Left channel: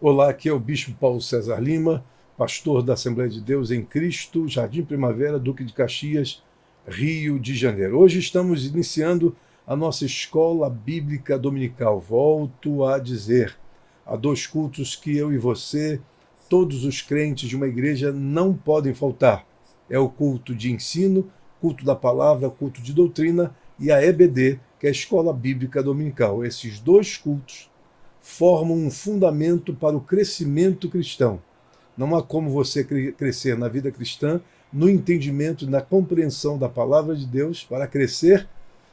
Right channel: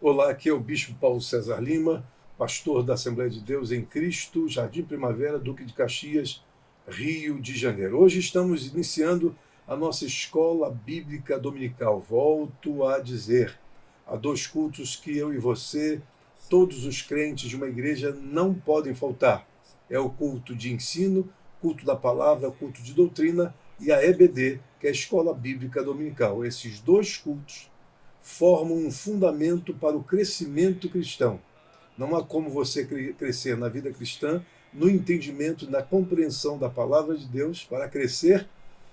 Olá, aqui é o Bispo Paulo César Lima, pastor da Assembleia de Deus em Cristo, Jardim Primavera, Duque de Caxias, Rio de Janeiro. Hoje estamos iniciando a nossa escola bíblica dominical. Volto a dizer, há dois cultos que eu e você, todos os crentes de uma igreja, não podem faltar. É o culto de ensino, culto da palavra, culto de doutrina e a EBD, que é a Escola Bíblica Dominical. Esses dois cultos formam um fundamento para o crescimento cristão. Não há como você crescer na vida cristã, no entendimento, na compreensão da palavra de Deus, para crescer,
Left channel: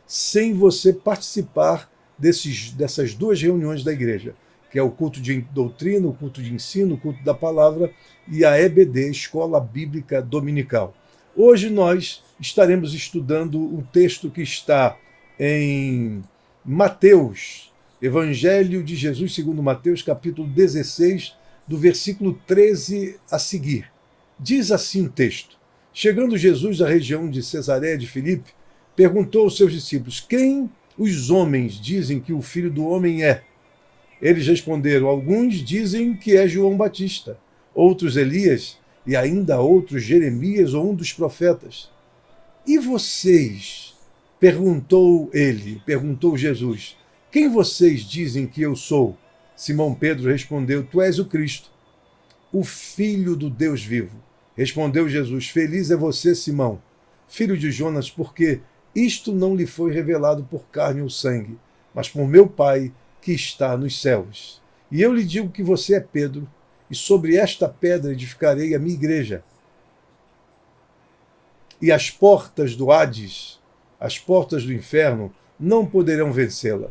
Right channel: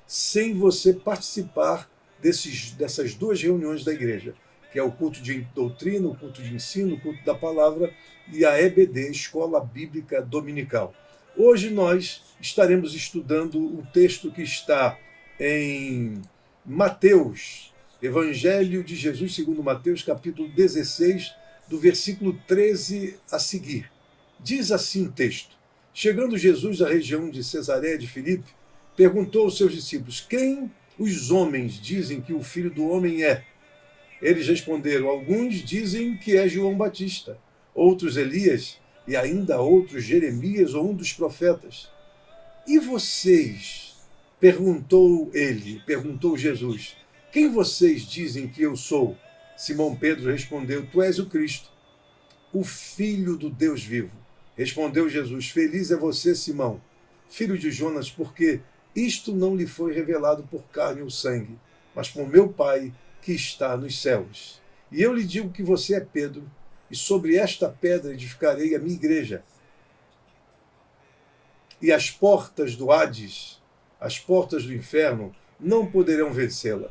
sem você participar dessas duas reuniões da igreja, que é o culto de doutrina, o culto de ensino, o culto da palavra e a EBD, Escola Bíblica Dominical. Hoje nós estaremos estudando um texto que está em Mateus, Evangelho de Jesus segundo Mateus, capítulo 16, do versículo 13 a seguir. Diz assim o texto: Chegando Jesus à região de Cesareia de Filipe, perguntou aos seus discípulos: Quem os homens dizem que o Filho do Homem é? Eles responderam: Alguns dizem que é João Batista, outros Elias, e ainda outros Jeremias ou um dos profetas. E vocês? Perguntou Jesus: Quem vocês dizem que eu sou? Simão Pedro respondeu: Tu és o Cristo, o Filho do Deus vivo. Respondeu Jesus: Feliz é você, Simão, filho de Jonas, porque isto não lhe foi revelado por carne ou sangue, mas por meu Pai que está nos céus. E eu lhe digo que você é Pedro, e sobre esta pedra edificarei a minha igreja. E as portas do Hades, as portas do inferno, não poderão vencê-la.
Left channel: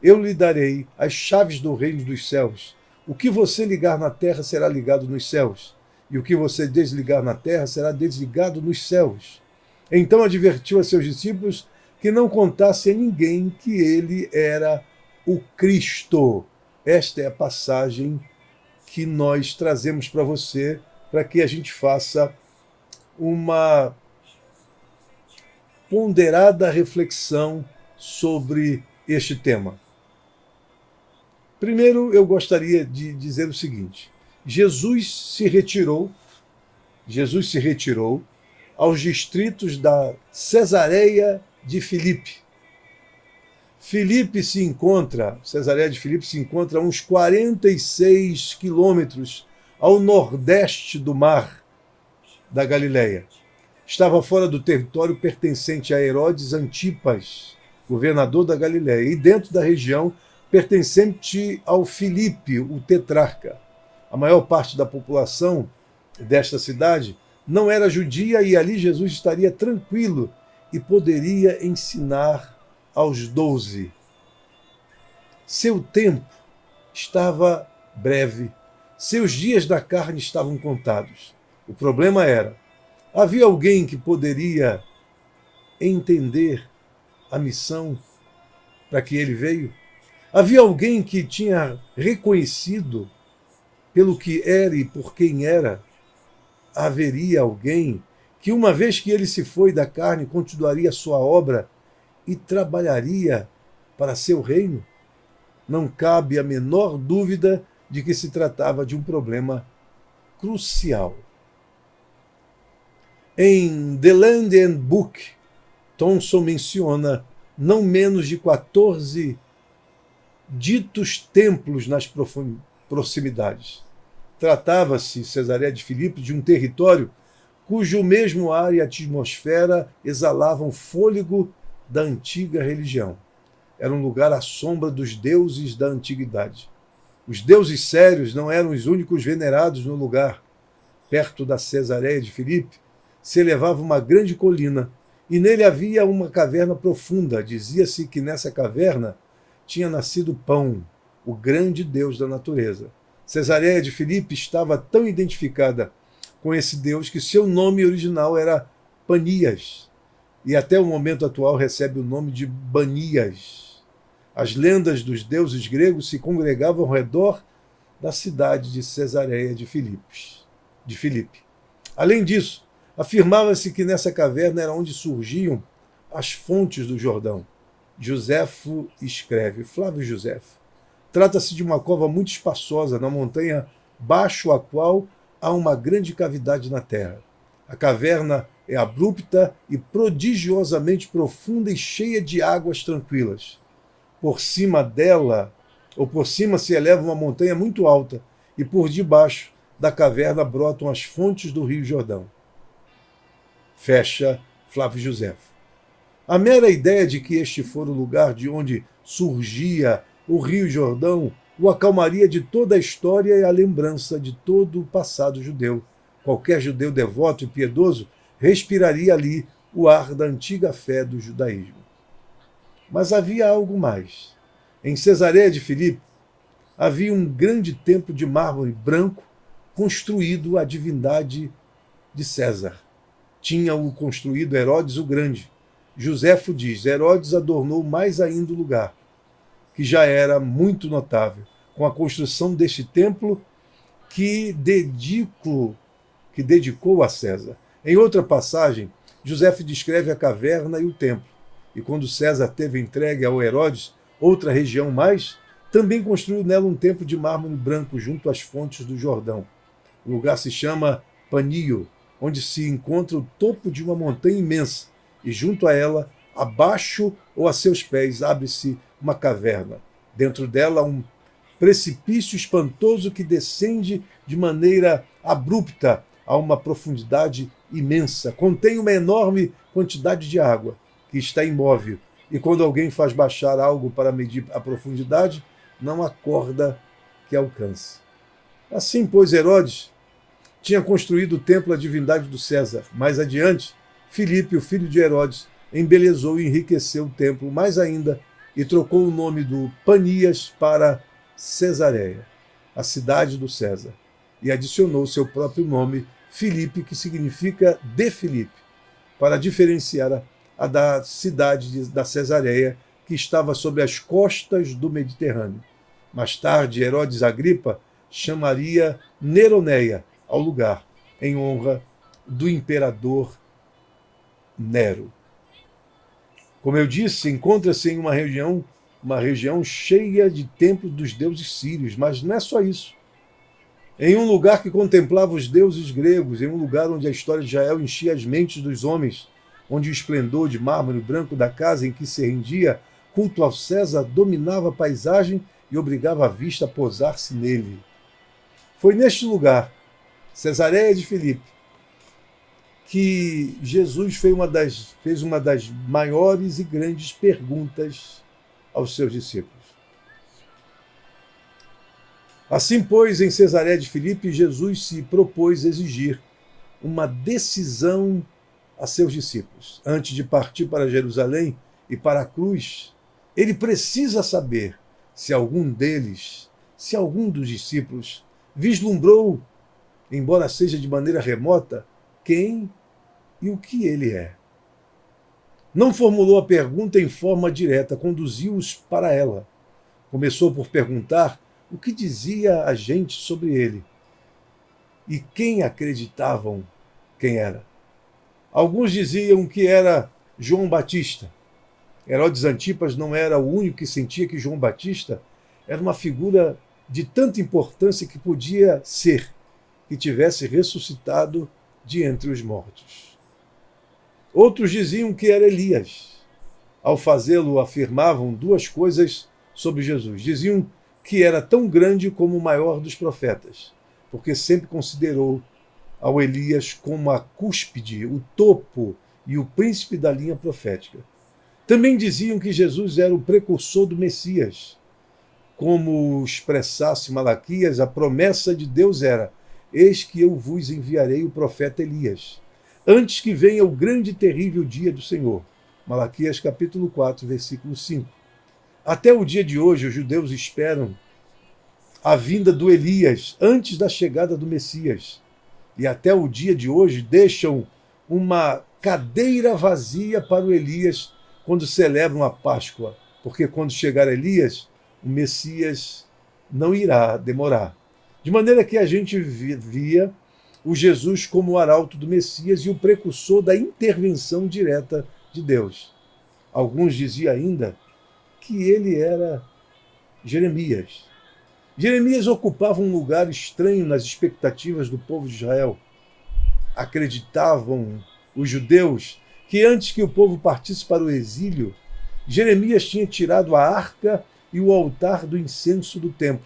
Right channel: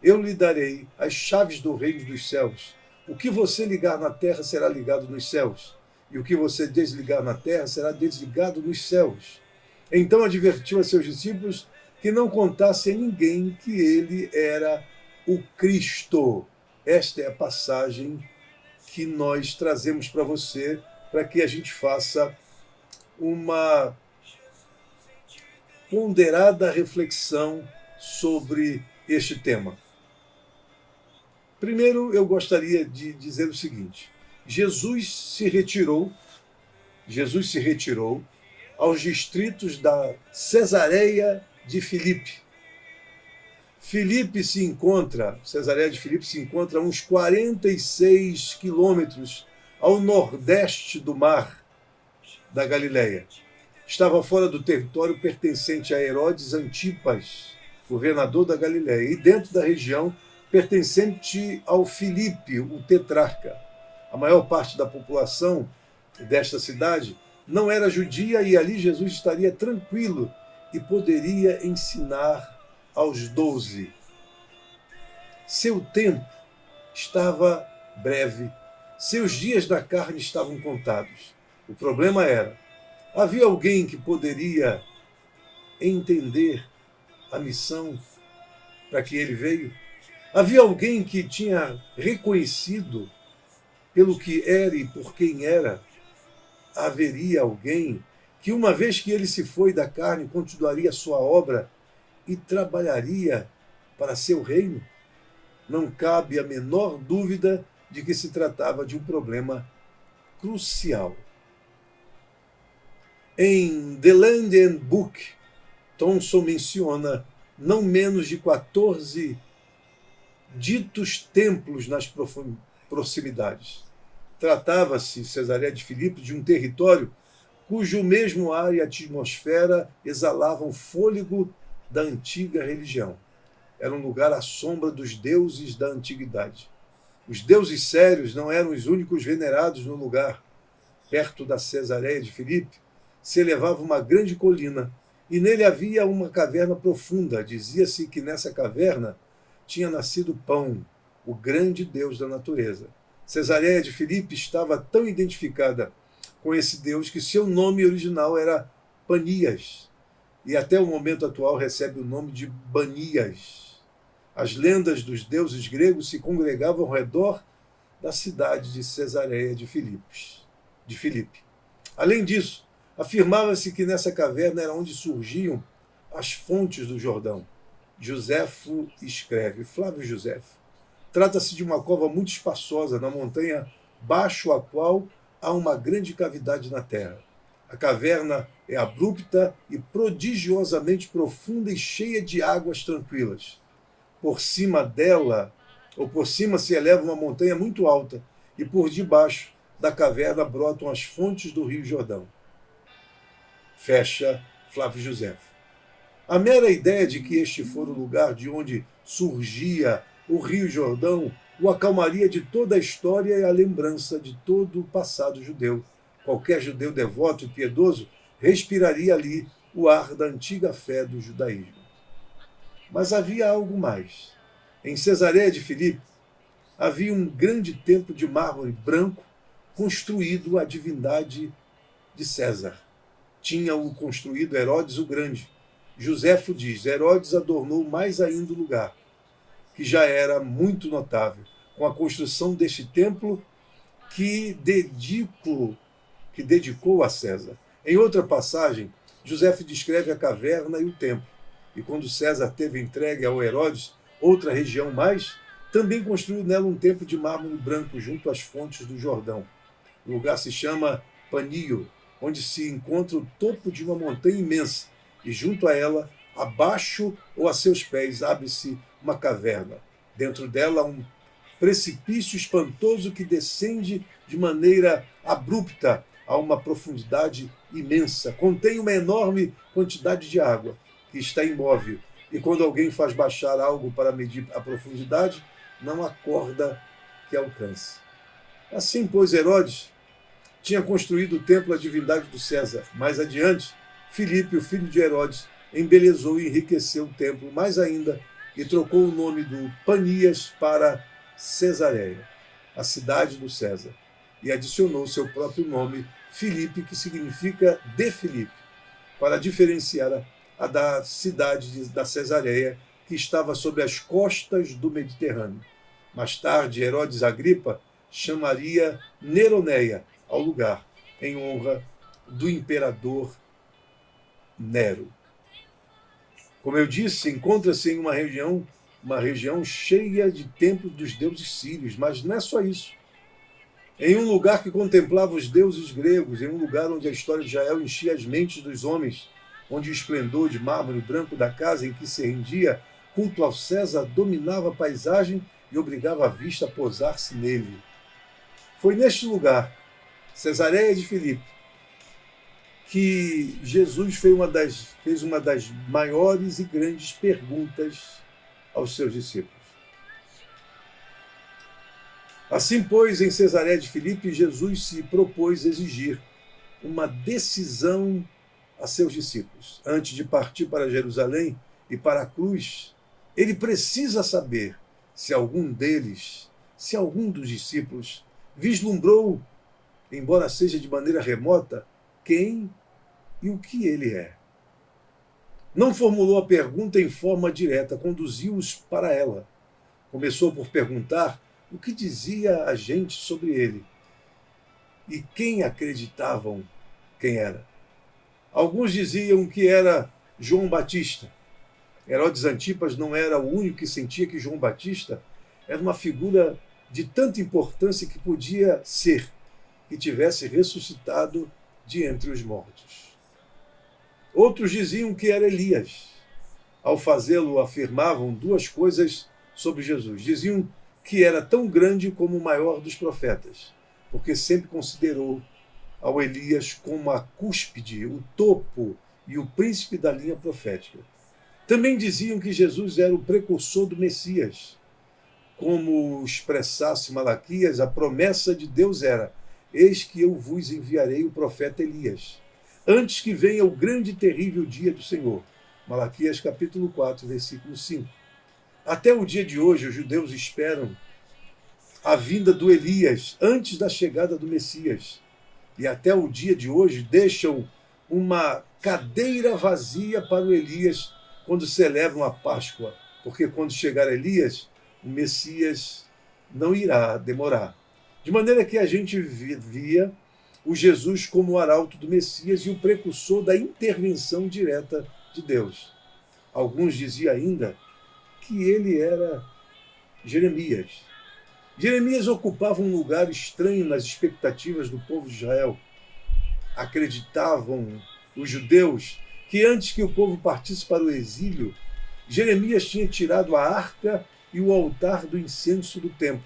Eu lhe darei as chaves do reino dos céus. O que você ligar na terra será ligado nos céus, e o que você desligar na terra será desligado nos céus. Então advertiu a seus discípulos que não contassem a ninguém que ele era o Cristo. Esta é a passagem que nós trazemos para você, para que a gente faça uma ponderada reflexão sobre este tema. Primeiro, eu gostaria de dizer o seguinte: Jesus se retirou aos distritos da Cesareia de Filipe. Cesareia de Filipe se encontra a uns 46 quilômetros ao nordeste do mar da Galileia. Estava fora do território pertencente a Herodes Antipas, governador da Galileia, e dentro da região pertencente ao Filipe, o tetrarca. A maior parte da população desta cidade não era judia e ali Jesus estaria tranquilo e poderia ensinar aos 12. Seu tempo estava breve, seus dias da carne estavam contados. O problema era: havia alguém que poderia entender a missão para que ele veio? Havia alguém que tinha reconhecido pelo que era e por quem era? Haveria alguém que, uma vez que ele se foi da carne, continuaria a sua obra e trabalharia para seu reino? Não cabe a menor dúvida de que se tratava de um problema crucial. Em The Land and Book, Thompson menciona não menos de 14 ditos templos nas proximidades. Tratava-se, Cesareia de Filipe, de um território cujo mesmo ar e atmosfera exalavam fôlego da antiga religião. Era um lugar à sombra dos deuses da antiguidade. Os deuses sérios não eram os únicos venerados no lugar. Perto da Cesareia de Filipe se elevava uma grande colina, e nele havia uma caverna profunda. Dizia-se que nessa caverna tinha nascido Pão, o grande deus da natureza. Cesareia de Filipe estava tão identificada com esse deus que seu nome original era Panias, e até o momento atual recebe o nome de Banias. As lendas dos deuses gregos se congregavam ao redor da cidade de Cesareia de Filipe. Além disso, afirmava-se que nessa caverna era onde surgiam as fontes do Jordão. Joséfo escreve, Flávio Joséfo: Trata-se de uma cova muito espaçosa na montanha, baixo a qual há uma grande cavidade na terra. A caverna é abrupta e prodigiosamente profunda e cheia de águas tranquilas. Por cima dela, ou por cima, se eleva uma montanha muito alta, e por debaixo da caverna brotam as fontes do Rio Jordão. Fecha Flávio Josefo. A mera ideia de que este fora o lugar de onde surgia o Rio Jordão o acalmaria de toda a história e a lembrança de todo o passado judeu. Qualquer judeu devoto e piedoso respiraria ali o ar da antiga fé do judaísmo. Mas havia algo mais. Em Cesareia de Filipe havia um grande templo de mármore branco construído à divindade de César. Tinha-o construído Herodes o Grande. Joséfo diz: Herodes adornou mais ainda o lugar, que já era muito notável, com a construção deste templo que dedicou a César. Em outra passagem, Joséfo descreve a caverna e o templo. E quando César teve entregue ao Herodes outra região mais, também construiu nela um templo de mármore branco junto às fontes do Jordão. O lugar se chama Panio, onde se encontra o topo de uma montanha imensa, e junto a ela, abaixo ou a seus pés, abre-se uma caverna. Dentro dela, um precipício espantoso que descende de maneira abrupta a uma profundidade imensa. Contém uma enorme quantidade de água, que está imóvel, e quando alguém faz baixar algo para medir a profundidade, não há corda que alcance. Assim, pois, Herodes tinha construído o templo à divindade do César. Mais adiante, Filipe, o filho de Herodes, embelezou e enriqueceu o templo mais ainda e trocou o nome do Panias para Cesareia, a cidade do César, e adicionou seu próprio nome, Filipe, que significa de Filipe, para diferenciar a da cidade da Cesareia, que estava sobre as costas do Mediterrâneo. Mais tarde, Herodes Agripa chamaria Neroneia ao lugar, em honra do imperador Nero. Como eu disse, encontra-se em uma região cheia de templos dos deuses sírios, mas não é só isso. Em um lugar que contemplava os deuses gregos, em um lugar onde a história de Israel enchia as mentes dos homens, onde o esplendor de mármore branco da casa em que se rendia culto ao César dominava a paisagem e obrigava a vista a posar-se nele. Foi neste lugar, Cesareia de Filipe, que Jesus fez uma das maiores e grandes perguntas aos seus discípulos. Assim, pois, em Cesareia de Filipe, Jesus se propôs exigir uma decisão a seus discípulos. Antes de partir para Jerusalém e para a cruz, ele precisa saber se algum dos discípulos, vislumbrou, embora seja de maneira remota, quem e o que ele é. Não formulou a pergunta em forma direta, conduziu-os para ela. Começou por perguntar o que dizia a gente sobre ele e quem acreditavam quem era. Alguns diziam que era João Batista. Herodes Antipas não era o único que sentia que João Batista era uma figura de tanta importância que podia ser que tivesse ressuscitado de entre os mortos. Outros diziam que era Elias. Ao fazê-lo, afirmavam duas coisas sobre Jesus. Diziam que era tão grande como o maior dos profetas, porque sempre considerou ao Elias como a cúspide, o topo e o príncipe da linha profética. Também diziam que Jesus era o precursor do Messias. Como expressasse Malaquias, a promessa de Deus era: eis que eu vos enviarei o profeta Elias, antes que venha o grande e terrível dia do Senhor. Malaquias capítulo 4, versículo 5. Até o dia de hoje, os judeus esperam a vinda do Elias antes da chegada do Messias. E até o dia de hoje deixam uma cadeira vazia para o Elias quando celebram a Páscoa, porque quando chegar Elias, o Messias não irá demorar. De maneira que a gente via o Jesus como o arauto do Messias e o precursor da intervenção direta de Deus. Alguns diziam ainda que ele era Jeremias. Jeremias ocupava um lugar estranho nas expectativas do povo de Israel. Acreditavam os judeus que antes que o povo partisse para o exílio, Jeremias tinha tirado a arca e o altar do incenso do templo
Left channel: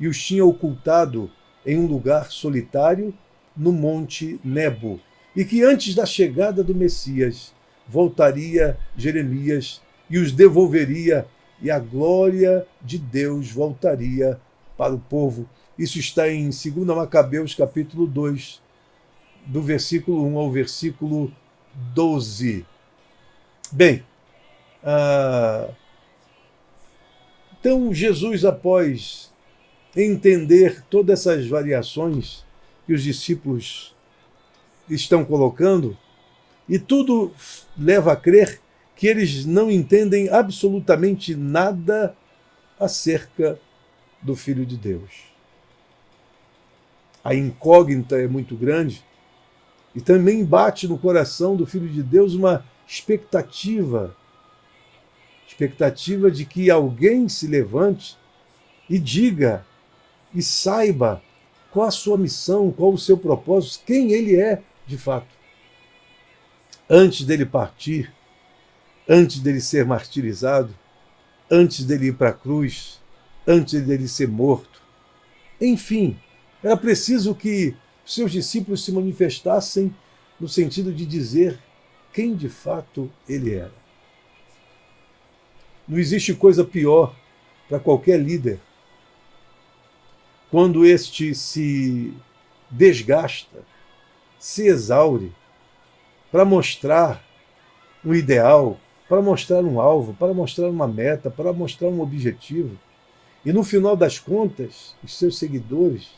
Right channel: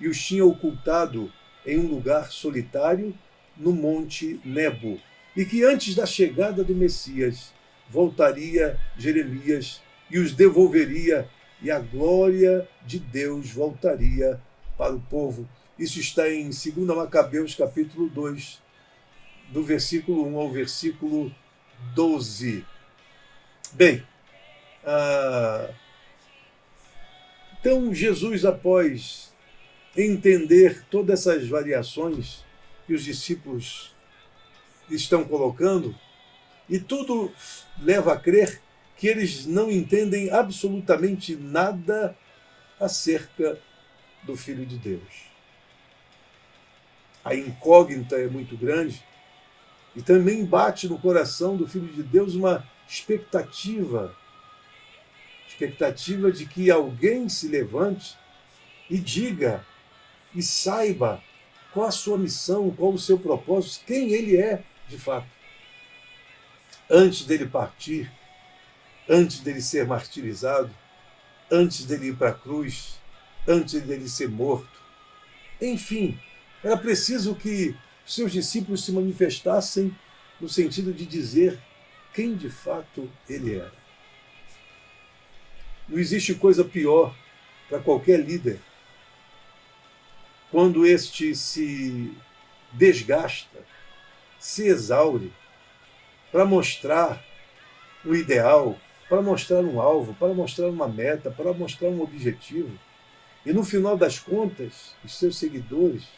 e os tinha ocultado em um lugar solitário no monte Nebo, e que antes da chegada do Messias voltaria Jeremias e os devolveria e a glória de Deus voltaria para o povo. Isso está em 2 Macabeus, capítulo 2, do versículo 1 ao versículo 12. Bem, então Jesus, após entender todas essas variações que os discípulos estão colocando, e tudo leva a crer que eles não entendem absolutamente nada acerca do Filho de Deus. A incógnita é muito grande e também bate no coração do Filho de Deus uma expectativa de que alguém se levante e diga e saiba qual a sua missão, qual o seu propósito, quem ele é de fato. Antes dele partir, antes dele ser martirizado, antes dele ir para a cruz, antes dele ser morto. Enfim, era preciso que seus discípulos se manifestassem no sentido de dizer quem de fato ele era. Não existe coisa pior para qualquer líder quando este se desgasta, se exaure para mostrar um ideal, para mostrar um alvo, para mostrar uma meta, para mostrar um objetivo. E no final das contas, os seus seguidores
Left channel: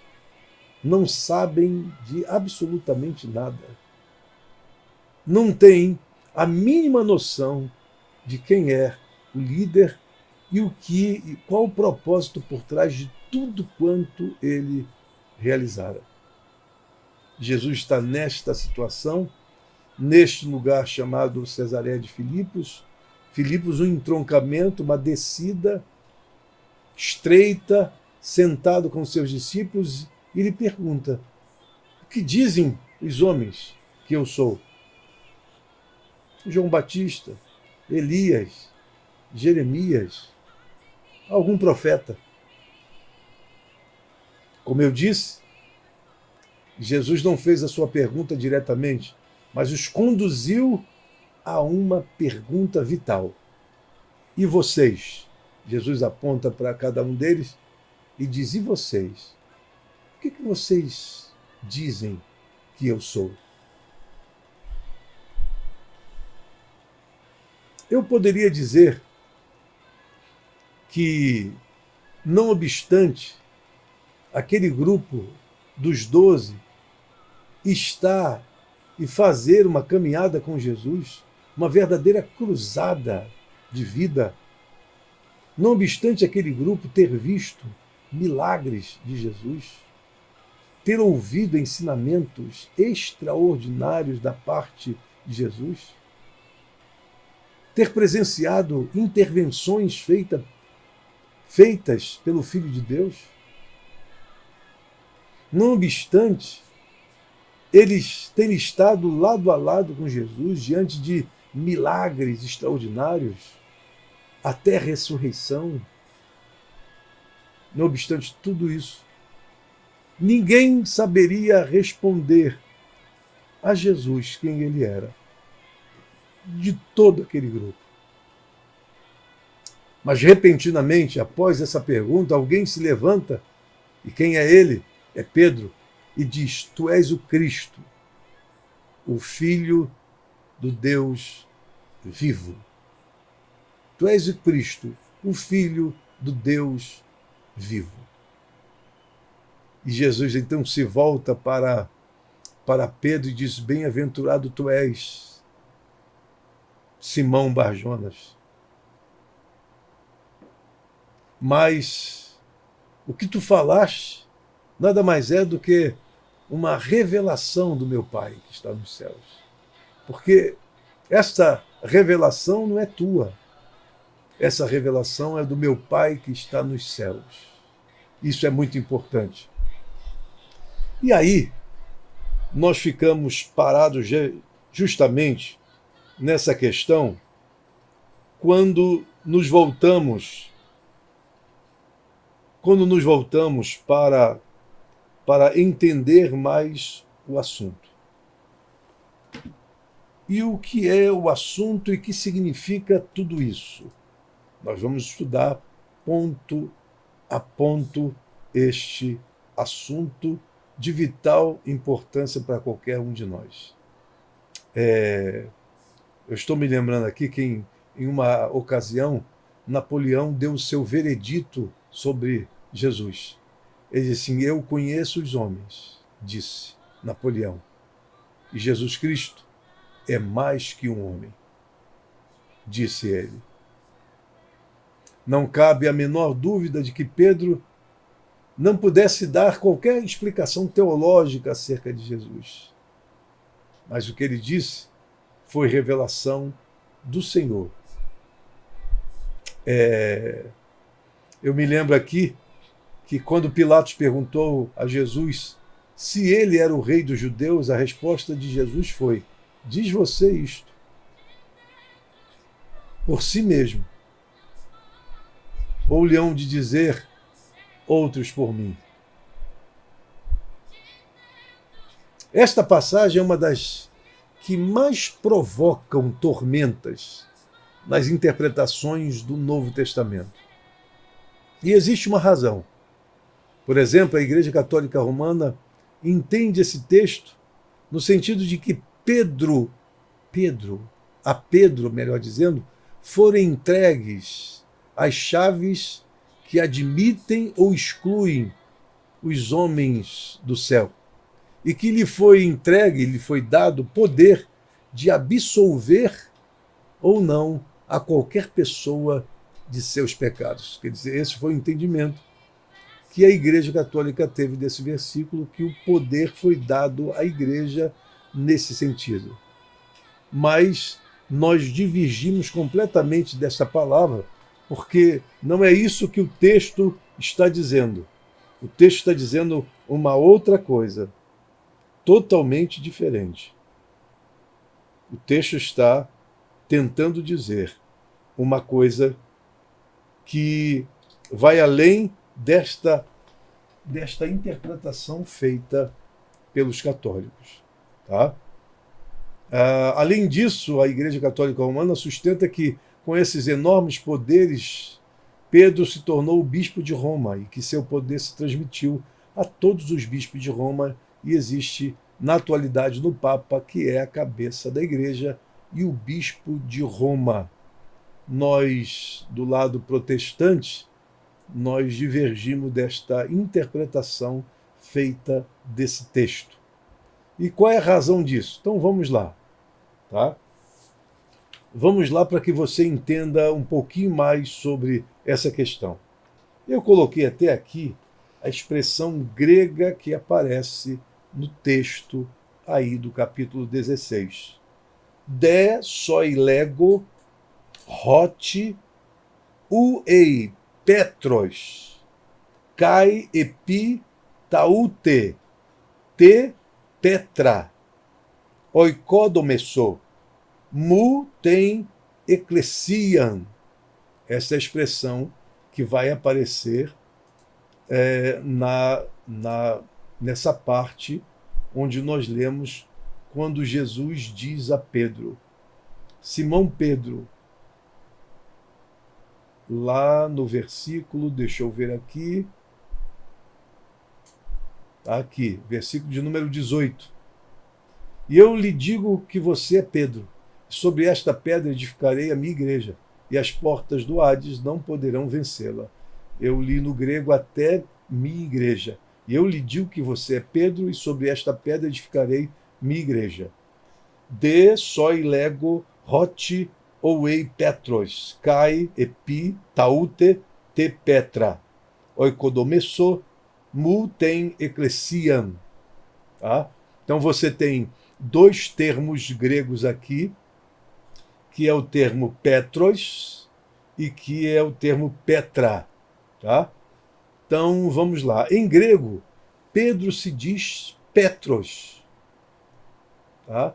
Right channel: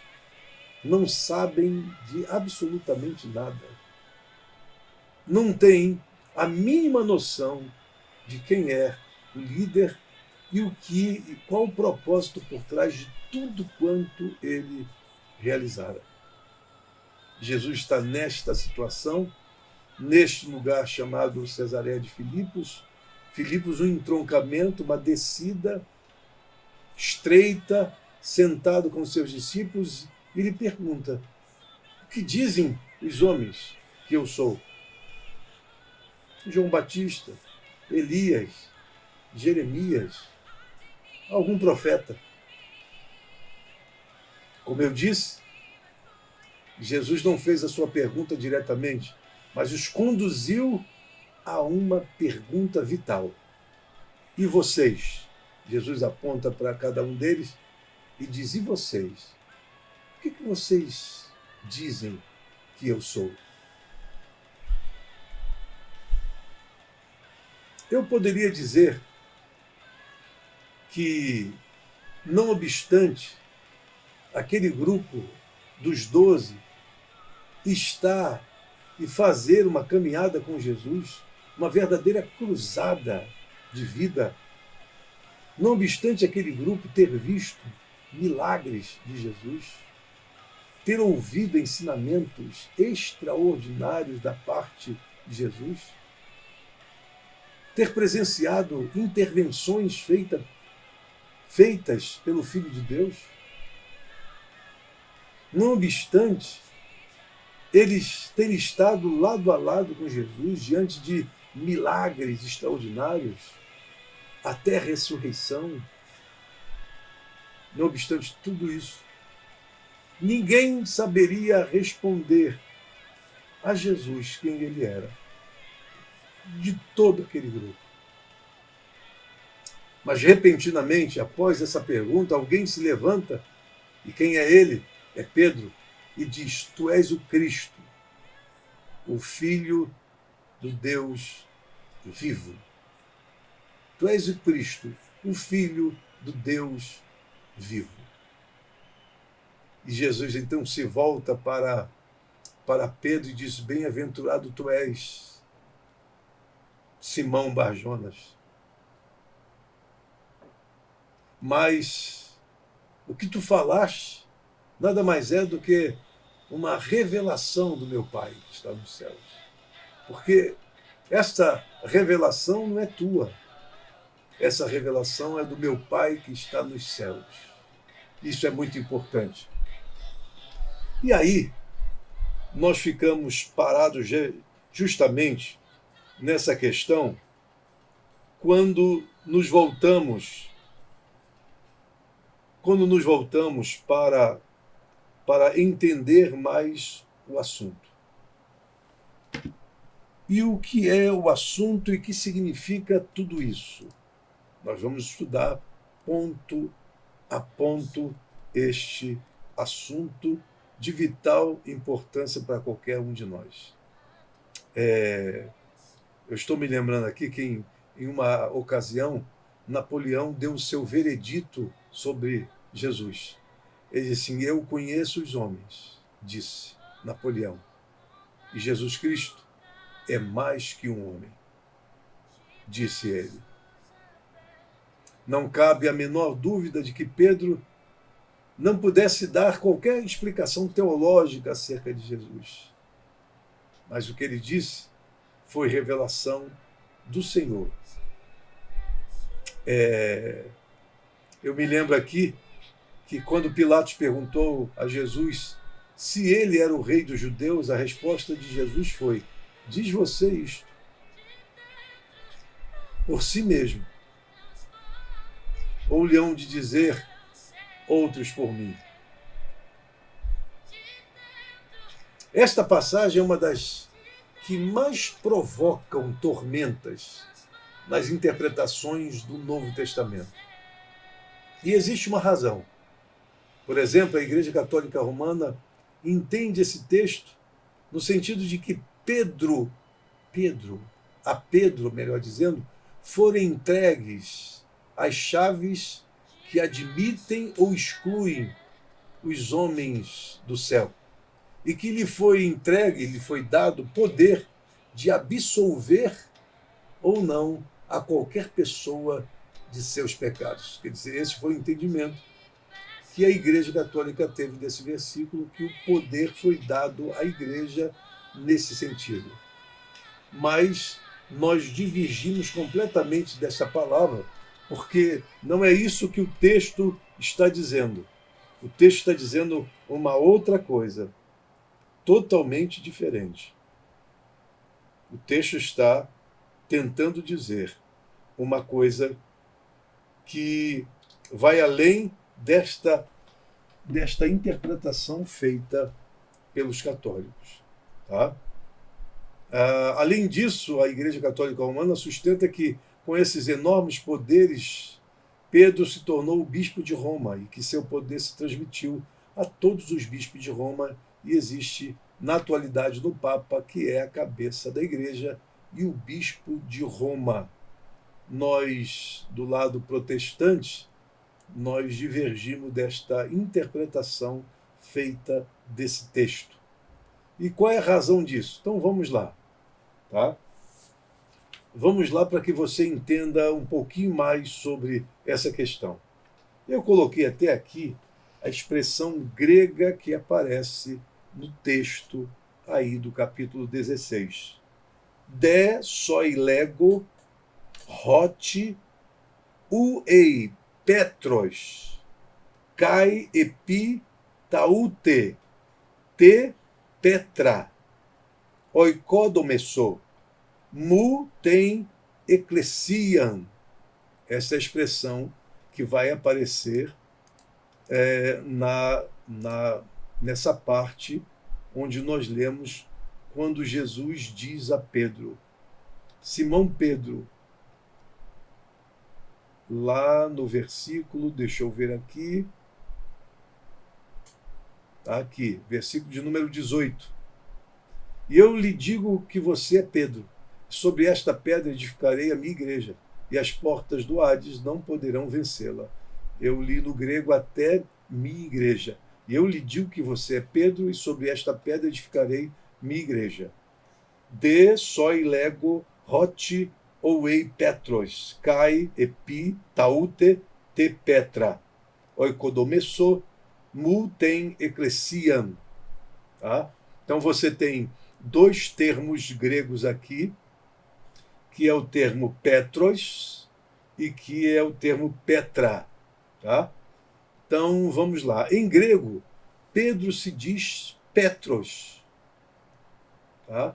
não sabem de absolutamente nada. Não têm a mínima noção de quem é o líder e qual o propósito por trás de tudo quanto ele realizara. Jesus está nesta situação, neste lugar chamado Cesareia de Filipos. Filipos, um entroncamento, uma descida estreita, sentado com seus discípulos, e ele pergunta: o que dizem os homens que eu sou? João Batista, Elias, Jeremias, algum profeta. Como eu disse, Jesus não fez a sua pergunta diretamente, mas os conduziu a uma pergunta vital. E vocês? Jesus aponta para cada um deles e diz: e vocês? O que vocês dizem que eu sou? Eu poderia dizer que, não obstante aquele grupo dos 12 estar e fazer uma caminhada com Jesus, uma verdadeira cruzada de vida, não obstante aquele grupo ter visto milagres de Jesus, ter ouvido ensinamentos extraordinários da parte de Jesus, ter presenciado intervenções feitas pelo Filho de Deus, não obstante eles terem estado lado a lado com Jesus diante de milagres extraordinários, até a ressurreição, não obstante tudo isso, ninguém saberia responder a Jesus quem ele era, de todo aquele grupo. Mas, repentinamente, após essa pergunta, alguém se levanta, e quem é ele? É Pedro, e diz: tu és o Cristo, o Filho do Deus vivo. Tu és o Cristo, o Filho do Deus vivo. E Jesus então se volta para Pedro e diz: bem-aventurado tu és, Simão Barjonas. Mas o que tu falaste nada mais é do que uma revelação do meu Pai que está nos céus. Porque esta revelação não é tua. Essa revelação é do meu Pai que está nos céus. Isso é muito importante. E aí, nós ficamos parados justamente nessa questão quando nos voltamos para entender mais o assunto. E o que é o assunto e o que significa tudo isso? Nós vamos estudar ponto a ponto este assunto de vital importância para qualquer um de nós. Eu estou me lembrando aqui que em uma ocasião Napoleão deu o seu veredito sobre Jesus. Ele disse assim: eu conheço os homens, disse Napoleão, e Jesus Cristo é mais que um homem, disse ele. Não cabe a menor dúvida de que Pedro não pudesse dar qualquer explicação teológica acerca de Jesus. Mas o que ele disse foi revelação do Senhor. Eu me lembro aqui que quando Pilatos perguntou a Jesus se ele era o rei dos judeus, a resposta de Jesus foi: diz você isto por si mesmo, ou lhe hão de dizer outros por mim? Esta passagem é uma das que mais provocam tormentas nas interpretações do Novo Testamento. E existe uma razão. Por exemplo, a Igreja Católica Romana entende esse texto no sentido de que Pedro, melhor dizendo, foram entregues as chaves que admitem ou excluem os homens do céu. E que lhe foi dado poder de absolver ou não a qualquer pessoa de seus pecados. Quer dizer, esse foi o entendimento que a Igreja Católica teve desse versículo, que o poder foi dado à Igreja nesse sentido. Mas nós divergimos completamente dessa palavra, porque não é isso que o texto está dizendo. O texto está dizendo uma outra coisa, totalmente diferente. O texto está tentando dizer uma coisa que vai além desta interpretação feita pelos católicos. Tá? Além disso, a Igreja Católica Romana sustenta que, com esses enormes poderes, Pedro se tornou o bispo de Roma e que seu poder se transmitiu a todos os bispos de Roma, e existe, na atualidade, no Papa, que é a cabeça da Igreja, e o bispo de Roma. Nós, do lado protestante, nós divergimos desta interpretação feita desse texto. E qual é a razão disso? Então vamos lá. Tá? Vamos lá para que você entenda um pouquinho mais sobre essa questão. Eu coloquei até aqui a expressão grega que aparece no texto aí do capítulo 16. De soilego hoti uei Petros, kai epi taute, te petra, oikodomesso, mu ten ecclesiam. Essa é a expressão que vai aparecer nessa parte onde nós lemos quando Jesus diz a Pedro: Simão Pedro, lá no versículo, deixa eu ver aqui, versículo de número 18. E eu lhe digo que você é Pedro, sobre esta pedra edificarei a minha igreja, e as portas do Hades não poderão vencê-la. Eu li no grego até minha igreja. E eu lhe digo que você é Pedro, e sobre esta pedra edificarei minha igreja. De soilego hoti ouei Petros, kai epi taute te petra, oikodomesso, mu ten ecclesiam. Tá? Então você tem dois termos gregos aqui, que é o termo Petros e que é o termo Petra. Tá? Então, vamos lá. Em grego, Pedro se diz Petros. Tá?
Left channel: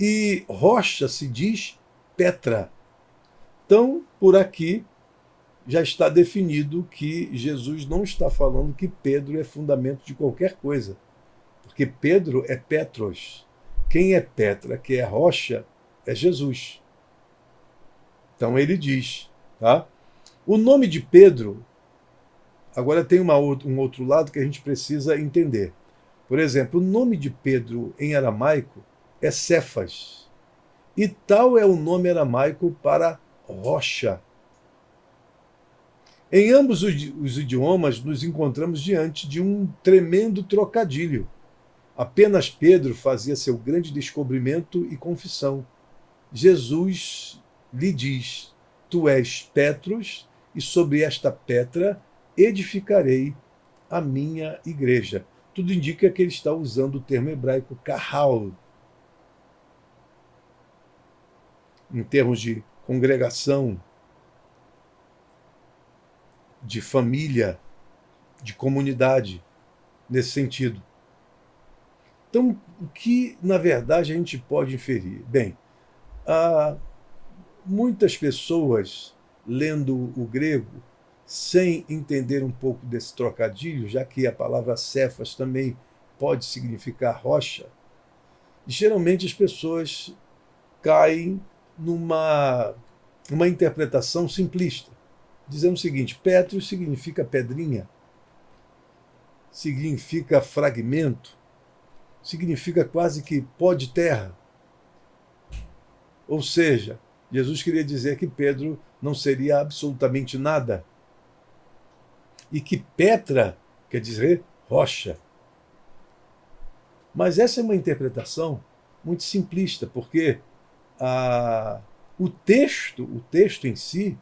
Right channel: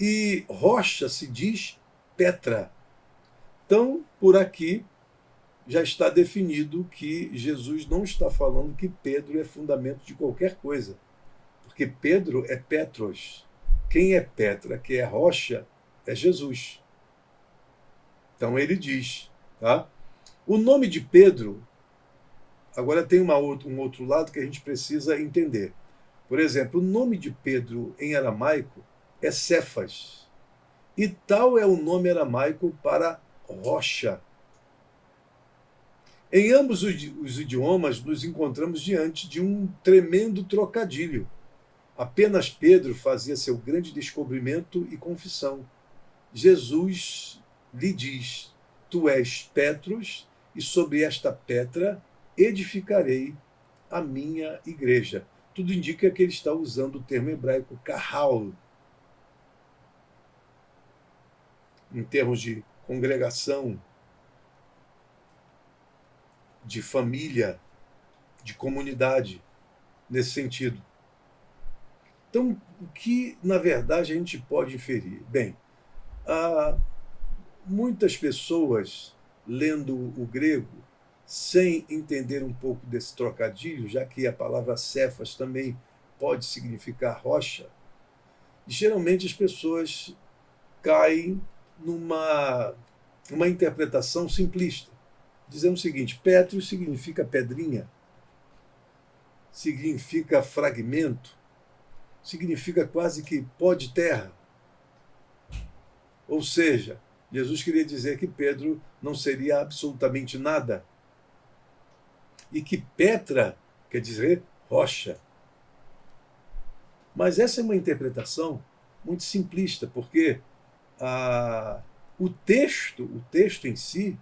E rocha se diz Petra. Então, por aqui, já está definido que Jesus não está falando que Pedro é fundamento de qualquer coisa. Porque Pedro é Petros. Quem é Petra, que é rocha, é Jesus. Então ele diz. Tá? O nome de Pedro, agora tem um outro lado que a gente precisa entender. Por exemplo, o nome de Pedro em aramaico é Cefas. E tal é o nome aramaico para rocha. Em ambos os idiomas, nos encontramos diante de um tremendo trocadilho. Apenas Pedro fazia seu grande descobrimento e confissão. Jesus lhe diz: Tu és Petros, e sobre esta pedra edificarei a minha igreja. Tudo indica que ele está usando o termo hebraico kahal, em termos de congregação, de família, de comunidade, nesse sentido. Então, o que, na verdade, a gente pode inferir? Bem, há muitas pessoas lendo o grego sem entender um pouco desse trocadilho, já que a palavra cefas também pode significar rocha, geralmente as pessoas caem numa interpretação simplista, dizendo o seguinte: Petros significa pedrinha, significa fragmento, significa quase que pó de terra. Ou seja, Jesus queria dizer que Pedro não seria absolutamente nada. E que Petra quer dizer rocha. Mas essa é uma interpretação muito simplista, porque o texto em si,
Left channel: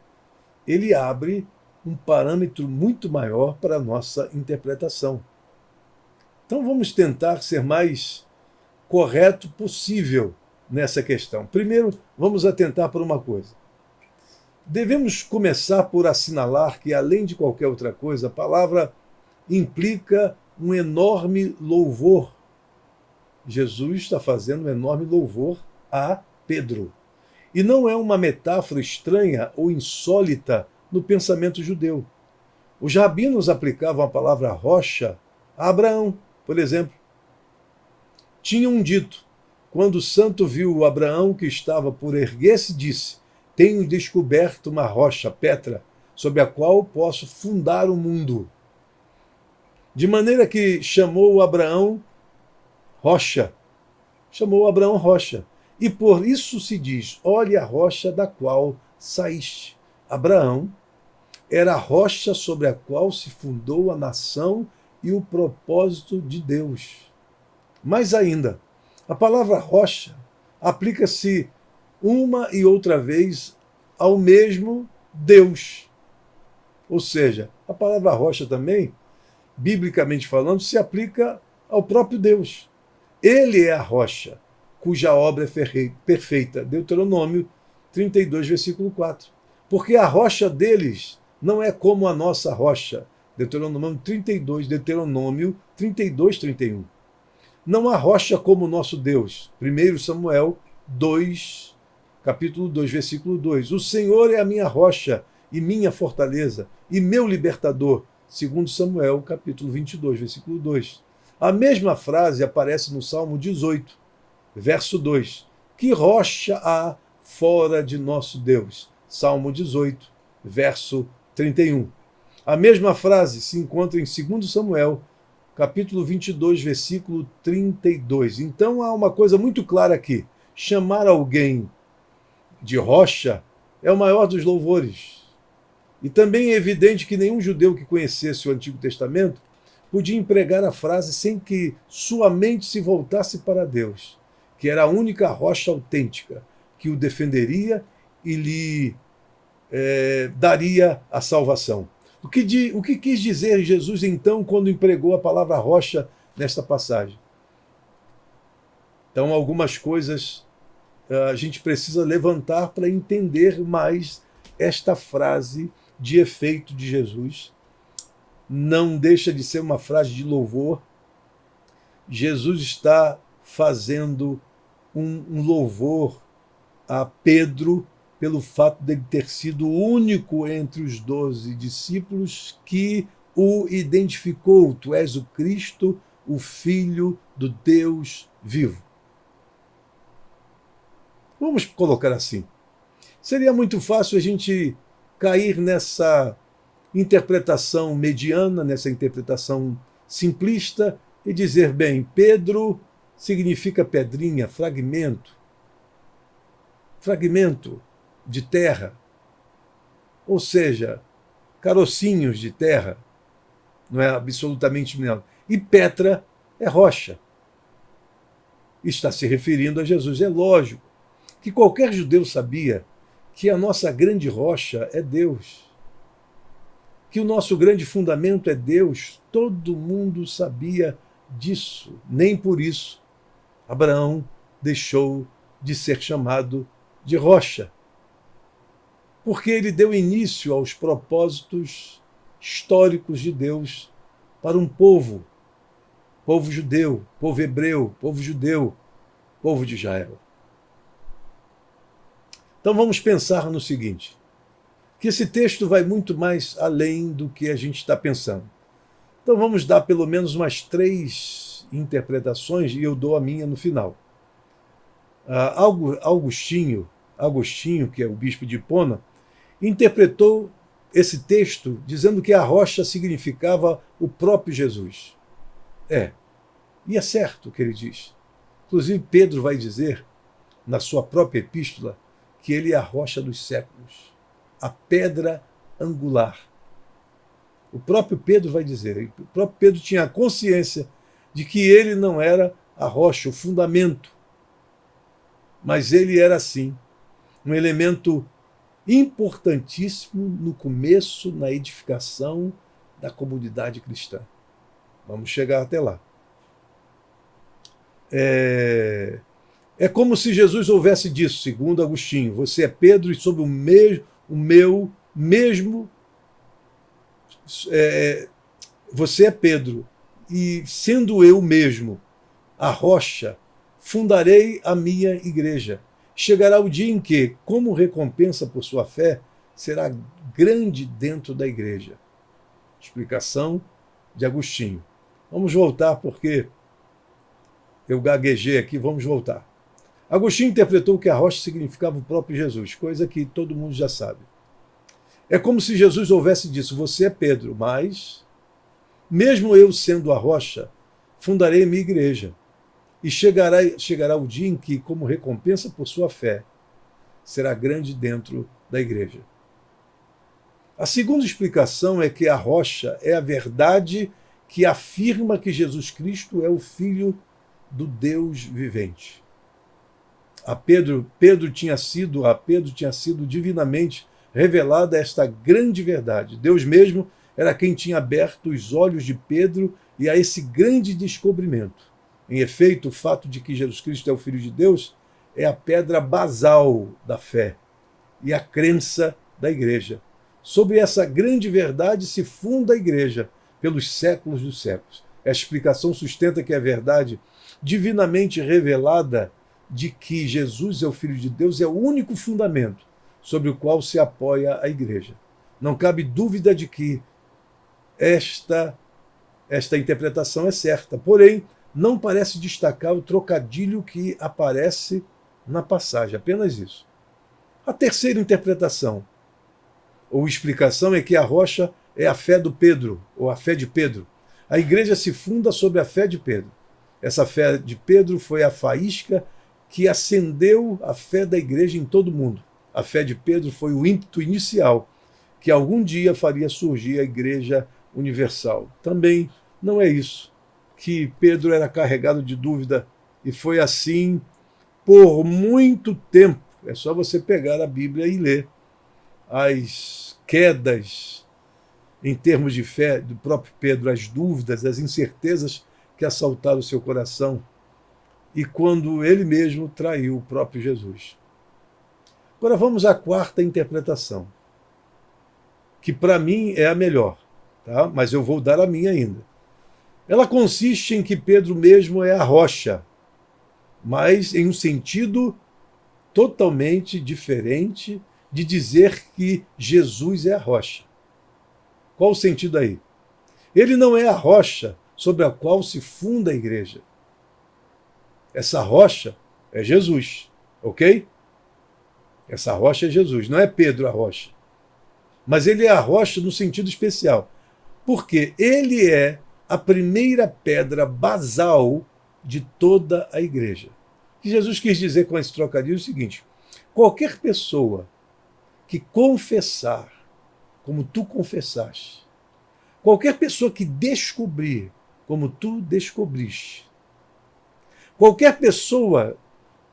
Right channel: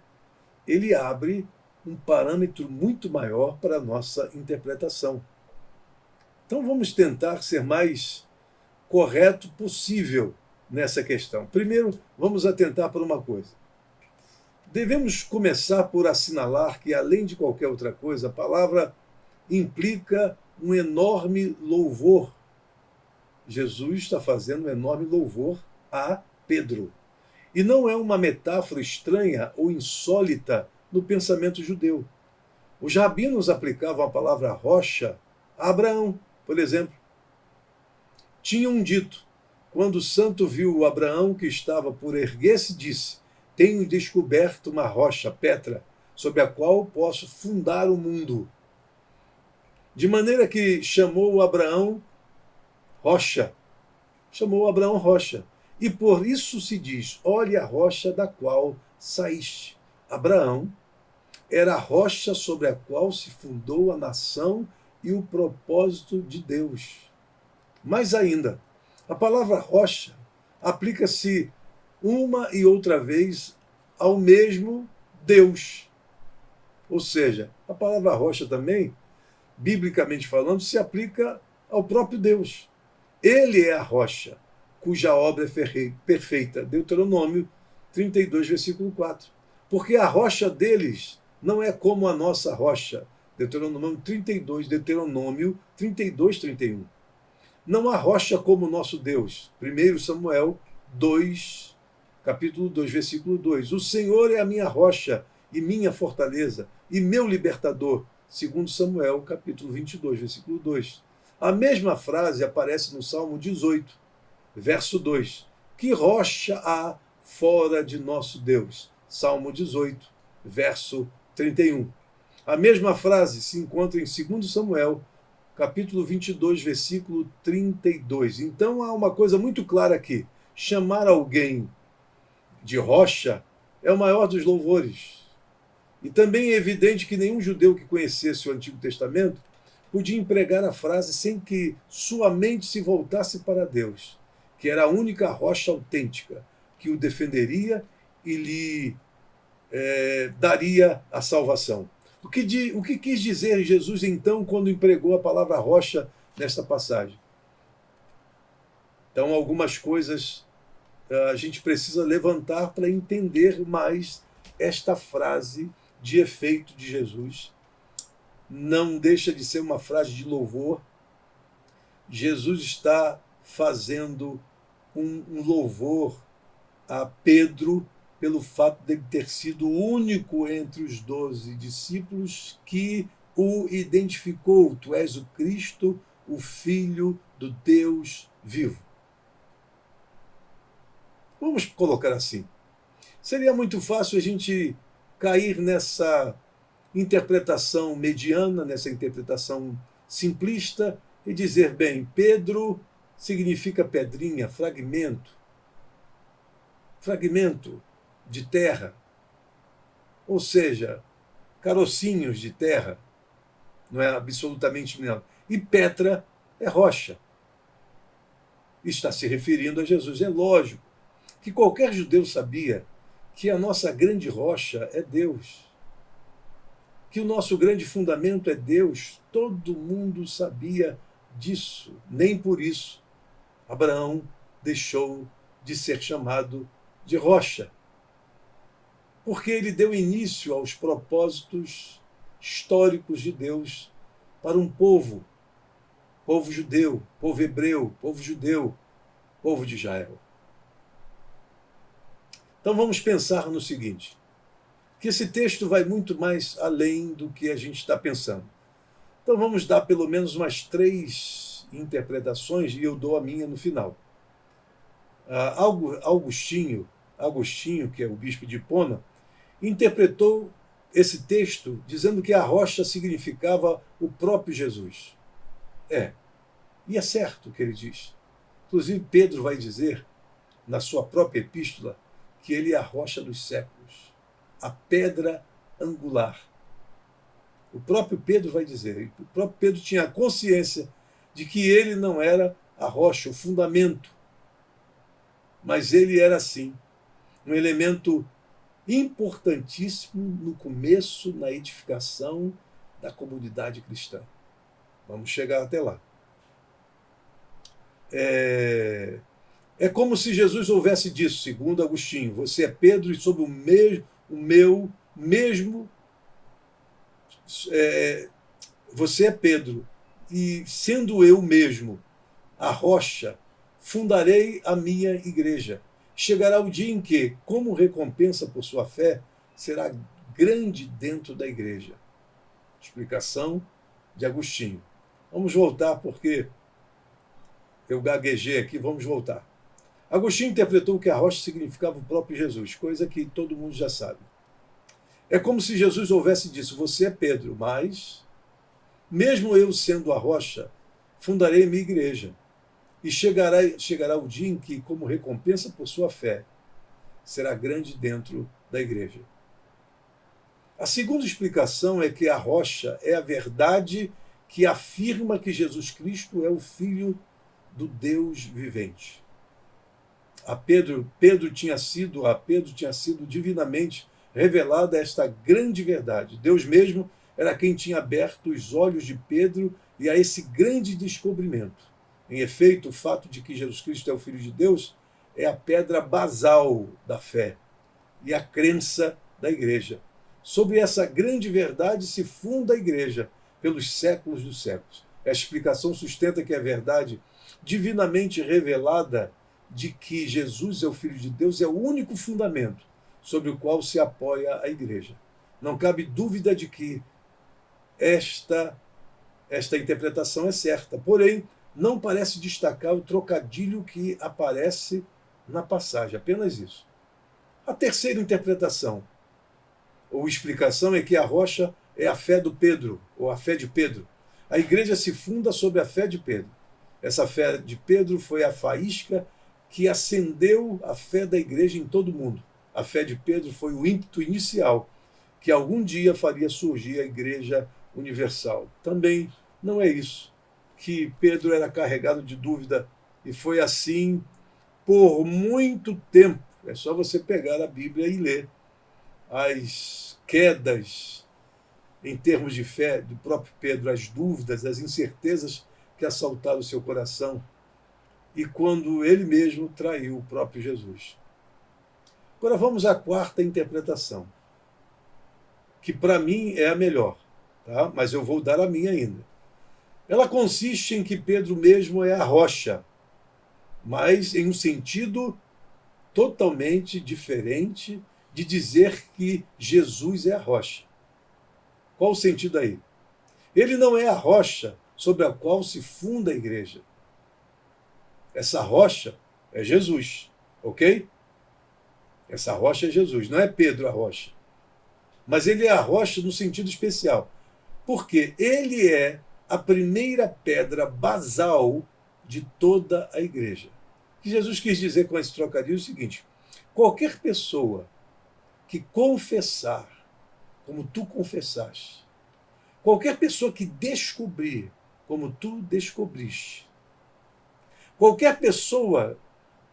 ele abre um parâmetro muito maior para a nossa interpretação. Então vamos tentar ser mais correto possível nessa questão. Primeiro, vamos atentar para uma coisa. Devemos começar por assinalar que, além de qualquer outra coisa, a palavra implica um enorme louvor. Jesus está fazendo um enorme louvor a Pedro. E não é uma metáfora estranha ou insólita no pensamento judeu. Os rabinos aplicavam a palavra rocha a Abraão, por exemplo. Tinham dito: quando o santo viu Abraão que estava por erguer-se, disse: Tenho descoberto uma rocha, Petra, sobre a qual posso fundar o mundo. De maneira que chamou Abraão rocha. Chamou Abraão rocha. E por isso se diz: olhe a rocha da qual saíste. Abraão era a rocha sobre a qual se fundou a nação e o propósito de Deus. Mais ainda, a palavra rocha aplica-se uma e outra vez ao mesmo Deus. Ou seja, a palavra rocha também, biblicamente falando, se aplica ao próprio Deus. Ele é a rocha, cuja obra é perfeita. Deuteronômio 32, versículo 4. Porque a rocha deles não é como a nossa rocha. Deuteronômio 32, 31. Não há rocha como o nosso Deus. 1 Samuel 2, capítulo 2, versículo 2. O Senhor é a minha rocha e minha fortaleza e meu libertador. 2 Samuel, capítulo 22, versículo 2. A mesma frase aparece no Salmo 18, verso 2. Que rocha há fora de nosso Deus? Salmo 18, verso 31. A mesma frase se encontra em 2 Samuel, capítulo 22, versículo 32. Então há uma coisa muito clara aqui. Chamar alguém de rocha é o maior dos louvores. E também é evidente que nenhum judeu que conhecesse o Antigo Testamento podia empregar a frase sem que sua mente se voltasse para Deus, que era a única rocha autêntica que o defenderia e lhe daria a salvação. O que quis dizer Jesus, então, quando empregou a palavra rocha nesta passagem? Então, algumas coisas a gente precisa levantar para entender mais esta frase de efeito de Jesus não deixa de ser uma frase de louvor. Jesus está fazendo um louvor a Pedro pelo fato de ele ter sido o único entre os 12 discípulos que o identificou. Tu és o Cristo, o Filho do Deus vivo. Vamos colocar assim. Seria muito fácil a gente cair nessa interpretação mediana, nessa interpretação simplista e dizer, bem, Pedro significa pedrinha, fragmento de terra, ou seja, carocinhos de terra, não é absolutamente nada. E Petra é rocha. Está se referindo a Jesus. É lógico que qualquer judeu sabia que a nossa grande rocha é Deus, que o nosso grande fundamento é Deus. Todo mundo sabia disso. Nem por isso Abraão deixou de ser chamado de rocha, porque ele deu início aos propósitos históricos de Deus para um povo judeu, povo hebreu, povo judeu, povo de Israel. Então vamos pensar no seguinte, que esse texto vai muito mais além do que a gente está pensando. Então vamos dar pelo menos umas 3 interpretações e eu dou a minha no final. Agostinho, que é o bispo de Hipona, interpretou esse texto dizendo que a rocha significava o próprio Jesus. E é certo o que ele diz. Inclusive, Pedro vai dizer, na sua própria epístola, que ele é a rocha dos séculos, a pedra angular. O próprio Pedro vai dizer, o próprio Pedro tinha a consciência de que ele não era a rocha, o fundamento, mas ele era, sim, um elemento importantíssimo no começo, na edificação da comunidade cristã. Vamos chegar até lá. É como se Jesus houvesse dito, segundo Agostinho, você é Pedro e sob o meu mesmo você é Pedro e sendo eu mesmo a rocha, fundarei a minha igreja. Chegará o dia em que, como recompensa por sua fé, será grande dentro da igreja. Explicação de Agostinho. Vamos voltar porque eu gaguejei aqui, vamos voltar. Agostinho interpretou que a rocha significava o próprio Jesus, coisa que todo mundo já sabe. É como se Jesus houvesse dito, você é Pedro, mas, mesmo eu sendo a rocha, fundarei a minha igreja. E chegará o dia em que, como recompensa por sua fé, será grande dentro da igreja. A segunda explicação é que a rocha é a verdade que afirma que Jesus Cristo é o Filho do Deus vivente. A Pedro tinha sido divinamente revelada esta grande verdade. Deus mesmo era quem tinha aberto os olhos de Pedro e a esse grande descobrimento. Em efeito, o fato de que Jesus Cristo é o Filho de Deus é a pedra basal da fé e a crença da igreja. Sobre essa grande verdade se funda a igreja pelos séculos dos séculos. A explicação sustenta que a verdade divinamente revelada de que Jesus é o Filho de Deus é o único fundamento sobre o qual se apoia a igreja. Não cabe dúvida de que esta interpretação é certa, porém, não parece destacar o trocadilho que aparece na passagem, apenas isso. A terceira interpretação, ou explicação, é que a rocha é a fé do Pedro, ou a fé de Pedro. A igreja se funda sobre a fé de Pedro. Essa fé de Pedro foi a faísca que acendeu a fé da igreja em todo o mundo. A fé de Pedro foi o ímpeto inicial que algum dia faria surgir a igreja universal. Também não é isso, que Pedro era carregado de dúvida e foi assim por muito tempo. É só você pegar a Bíblia e ler as quedas em termos de fé do próprio Pedro, as dúvidas, as incertezas que assaltaram o seu coração e quando ele mesmo traiu o próprio Jesus. Agora vamos à quarta interpretação. que para mim é a melhor, tá? Mas eu vou dar a minha ainda. Ela consiste em que Pedro mesmo é a rocha, mas em um sentido totalmente diferente de dizer que Jesus é a rocha. Qual o sentido aí? Ele não é a rocha sobre a qual se funda a igreja. Essa rocha é Jesus, ok? Essa rocha é Jesus, não é Pedro a rocha. Mas ele é a rocha no sentido especial, porque ele é a primeira pedra basal de toda a igreja. O que Jesus quis dizer com esse trocadilho é o seguinte: qualquer pessoa que confessar, como tu confessaste, qualquer pessoa que descobrir, como tu descobriste, qualquer pessoa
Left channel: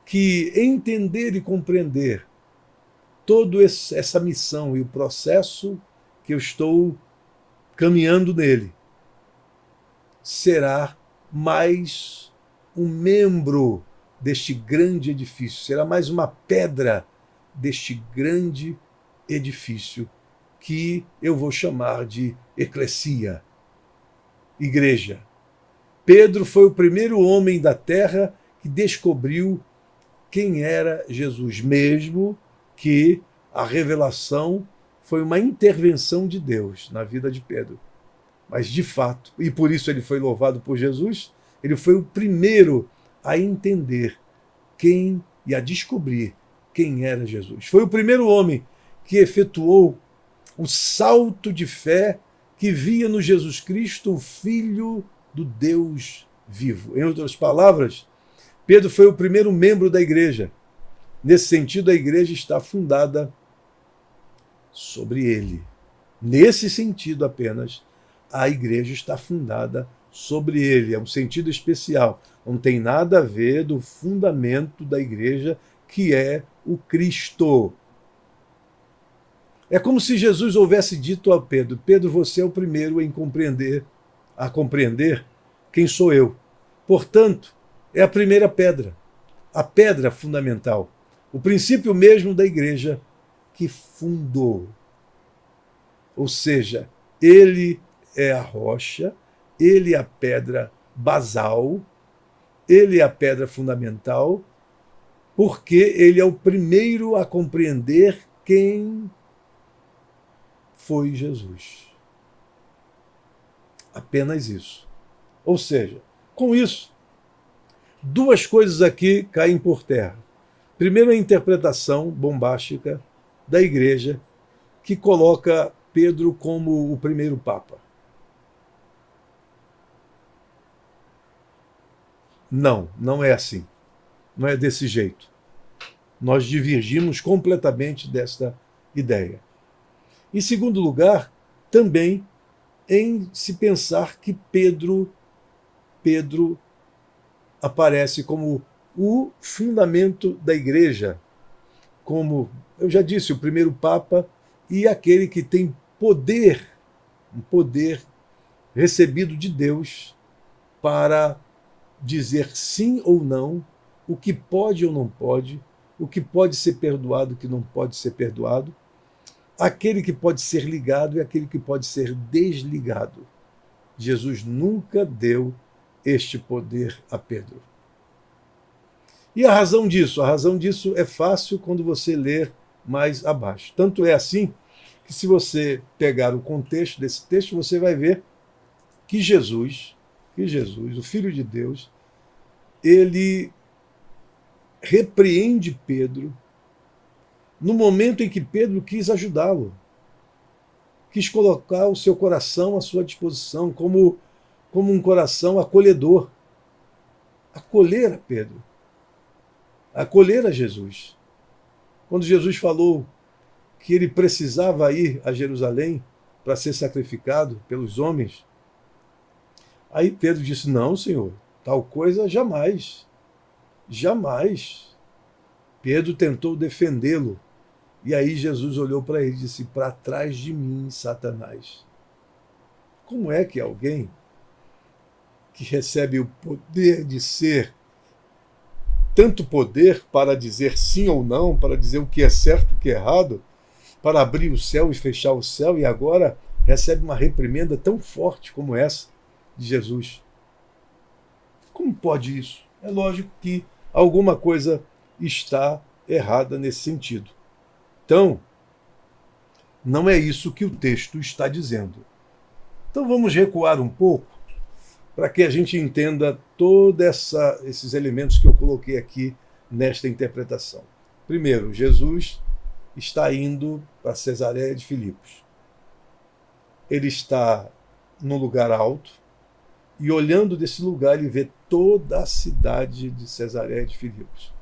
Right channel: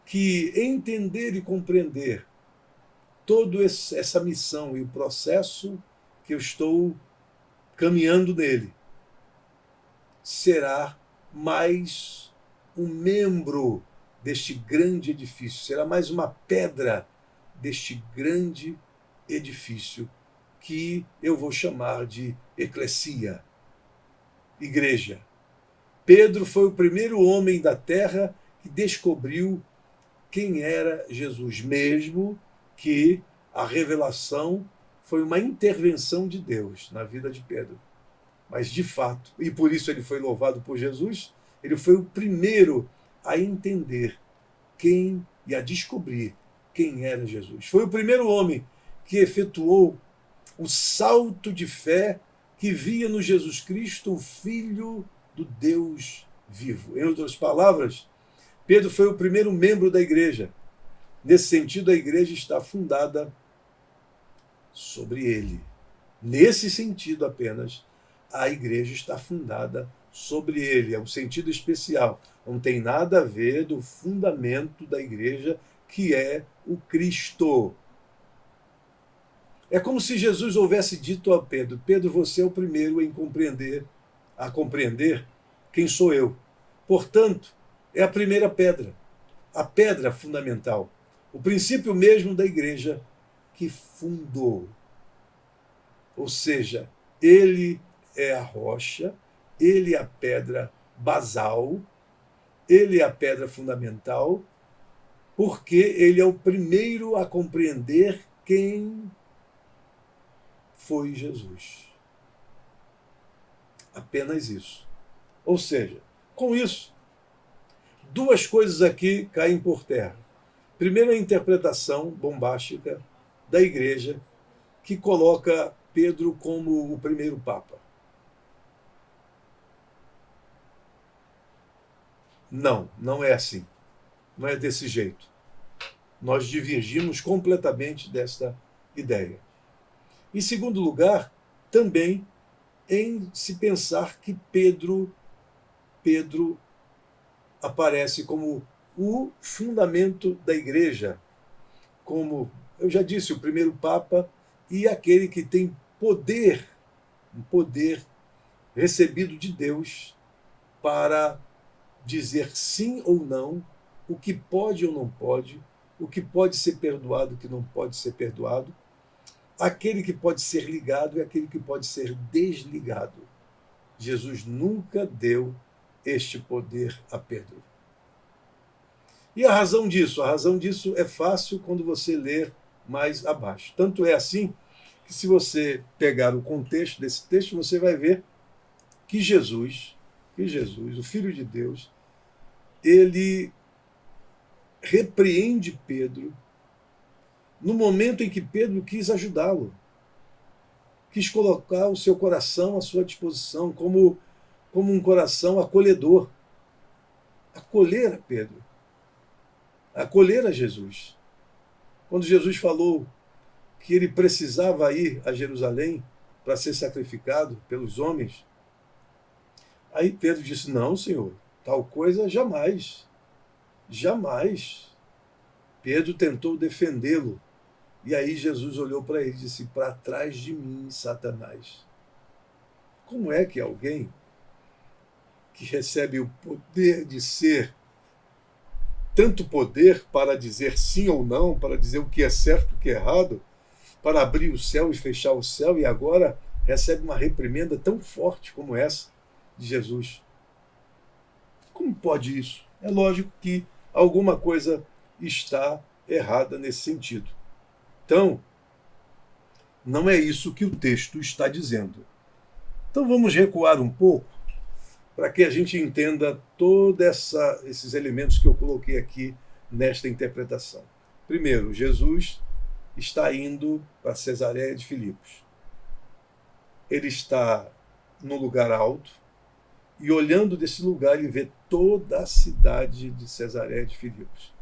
que entender e compreender toda essa missão e o processo que eu estou caminhando nele, será mais um membro deste grande edifício, será mais uma pedra deste grande edifício que eu vou chamar de eclesia, igreja. Pedro foi o primeiro homem da terra que descobriu quem era Jesus, mesmo que a revelação foi uma intervenção de Deus na vida de Pedro. Mas, de fato, e por isso ele foi louvado por Jesus, ele foi o primeiro a entender quem e a descobrir quem era Jesus. Foi o primeiro homem que efetuou o salto de fé que via no Jesus Cristo o Filho do Deus vivo. Em outras palavras, Pedro foi o primeiro membro da igreja. Nesse sentido, a igreja está fundada sobre ele. Nesse sentido apenas, a igreja está fundada sobre ele. É um sentido especial. Não tem nada a ver do fundamento da igreja, que é o Cristo. É como se Jesus houvesse dito a Pedro: Pedro, você é o primeiro a compreender quem sou eu. Portanto, é a primeira pedra, a pedra fundamental, o princípio mesmo da igreja que fundou. Ou seja, ele é a rocha, ele é a pedra basal, ele é a pedra fundamental, porque ele é o primeiro a compreender quem foi Jesus. Apenas isso. Ou seja, com isso, duas coisas aqui caem por terra. Primeiro, a interpretação bombástica da igreja, que coloca Pedro como o primeiro papa. Não, não é assim. Não é desse jeito. Nós divergimos completamente desta ideia. Em segundo lugar, também em se pensar que Pedro aparece como o fundamento da igreja, como eu já disse, o primeiro papa e aquele que tem poder, um poder recebido de Deus para dizer sim ou não, o que pode ou não pode, o que pode ser perdoado, o que não pode ser perdoado, aquele que pode ser ligado e aquele que pode ser desligado. Jesus nunca deu este poder a Pedro. E a razão disso? A razão disso é fácil quando você ler mais abaixo. Tanto é assim que, se você pegar o contexto desse texto, você vai ver que Jesus, o Filho de Deus, ele repreende Pedro no momento em que Pedro quis ajudá-lo, quis colocar o seu coração à sua disposição, como um coração acolhedor, acolher a Pedro, acolher a Jesus. Quando Jesus falou que ele precisava ir a Jerusalém para ser sacrificado pelos homens, aí Pedro disse: não, Senhor, tal coisa jamais, jamais. Pedro tentou defendê-lo, e aí Jesus olhou para ele e disse: para trás de mim, Satanás. Como é que alguém que recebe o poder de ser, tanto poder para dizer sim ou não, para dizer o que é certo e o que é errado, para abrir o céu e fechar o céu, e agora recebe uma reprimenda tão forte como essa de Jesus. Como pode isso? É lógico que alguma coisa está errada nesse sentido. Então, não é isso que o texto está dizendo. Então vamos recuar um pouco para que a gente entenda todos esses elementos que eu coloquei aqui nesta interpretação. Primeiro, Jesus está indo para Cesareia de Filipos. Ele está num lugar alto e, olhando desse lugar, ele vê toda a cidade de Cesareia de Filipos.